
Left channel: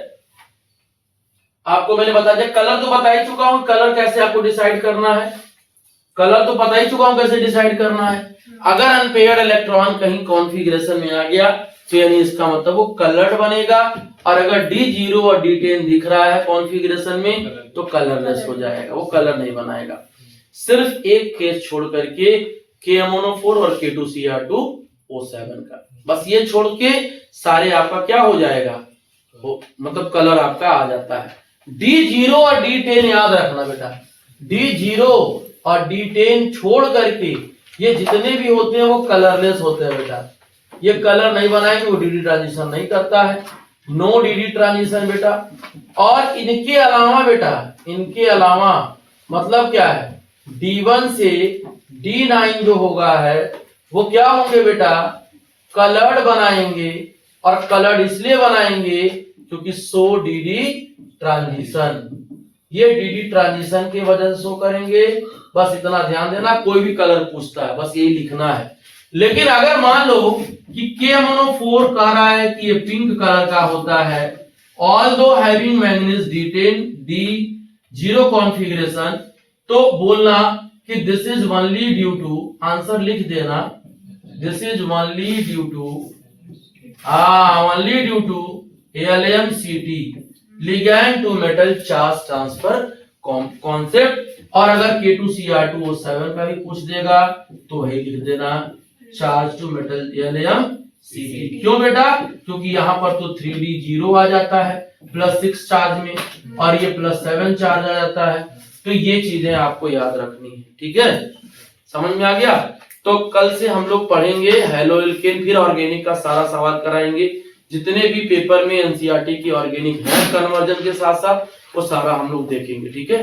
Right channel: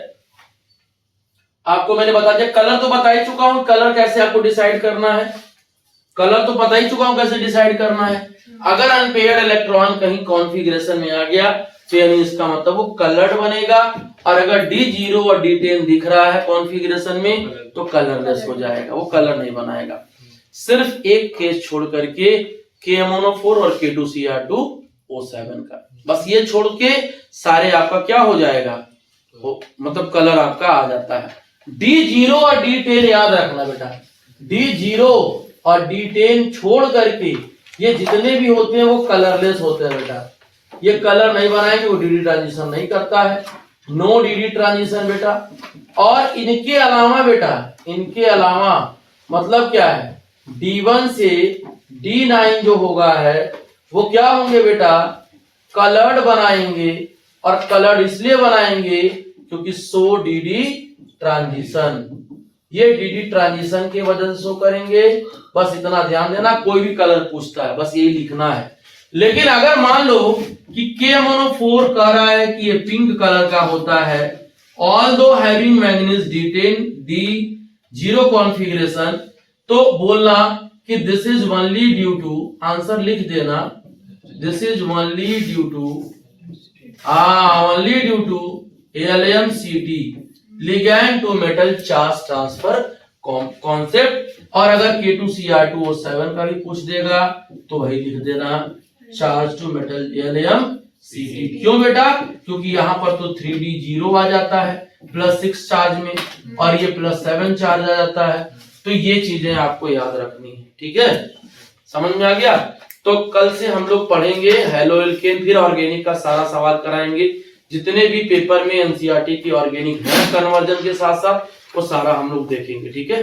आपको मैंने बता दिया, कलर तो बता ही चुका हूं, कलर कैसे आपको डिसाइड करना है, कलर तो पता ही चुका हूं कैसे डिसाइड करना है। अगर अनपेयर्ड इलेक्ट्रॉन कहीं कॉन्फ़िगरेशन में आ गया तो यानी इसका मतलब वो कलर्ड बनेगा, और अगर D0 और D10 दिख रहा है कॉन्फ़िगरेशन में तो कलरलेस हो जाएगा, वो कलर नहीं बनाएगा। सिर्फ एक केस छोड़ करके KMnO4 और K2Cr2O7 का, बस ये छोड़ के सारे आपका क्या हो जाएगा, वो मतलब कलर आपका आ जाता है। D0 और D10 याद रखना बेटा, D0 और D10 छोड़ करके ये जितने भी होते हैं वो कलरलेस होते हैं बेटा, ये कलर नहीं बनाएंगे, वो DD ट्रांजिशन नहीं करता है, नो DD ट्रांजिशन बेटा। और इनके अलावा बेटा, इनके अलावा मतलब क्या है, D1 से D9 जो होगा है वो क्या होंगे बेटा, कलर्ड बनाएंगे, और कलर्ड इसलिए बनाएंगे क्योंकि शो DD ट्रांजिशन, ये DD ट्रांजिशन की वजह से शो करेंगे। बस इतना ध्यान देना, कोई भी कलर पूछता है बस यही लिखना है। लेकिन अगर मान लो कि KMnO4 कह रहा है कि ये पिंक कलर का होता है, although having manganese D10 D0 configuration, तो बोलना कि this is only due to, answer लिख देना, this is only due to only due to LMCT ligand to metal charge transfer concept. और अगर K2Cr2O7 का भी पूछ देगा तो वही लिख देना, चार्ज टू मेटल LMCT। क्यों बेटा, क्योंकि यहां पर तो 3D0 आ जाता है +6 चार्ज में, और ये +7 चार्ज आ जाता है। तो ये चीजें आपको याद रखनी है, ठीक है, समझ में आ गया? तो कल से हम लोग पढ़ेंगे हेलो एल्केन, फिर ऑर्गेनिक का सारा सवाल कराएंगे, जितने भी पेपर में एनसीईआरटी की ऑर्गेनिक है कन्वर्जन के साथ साथ वो सारा हम लोग देखेंगे, ठीक है।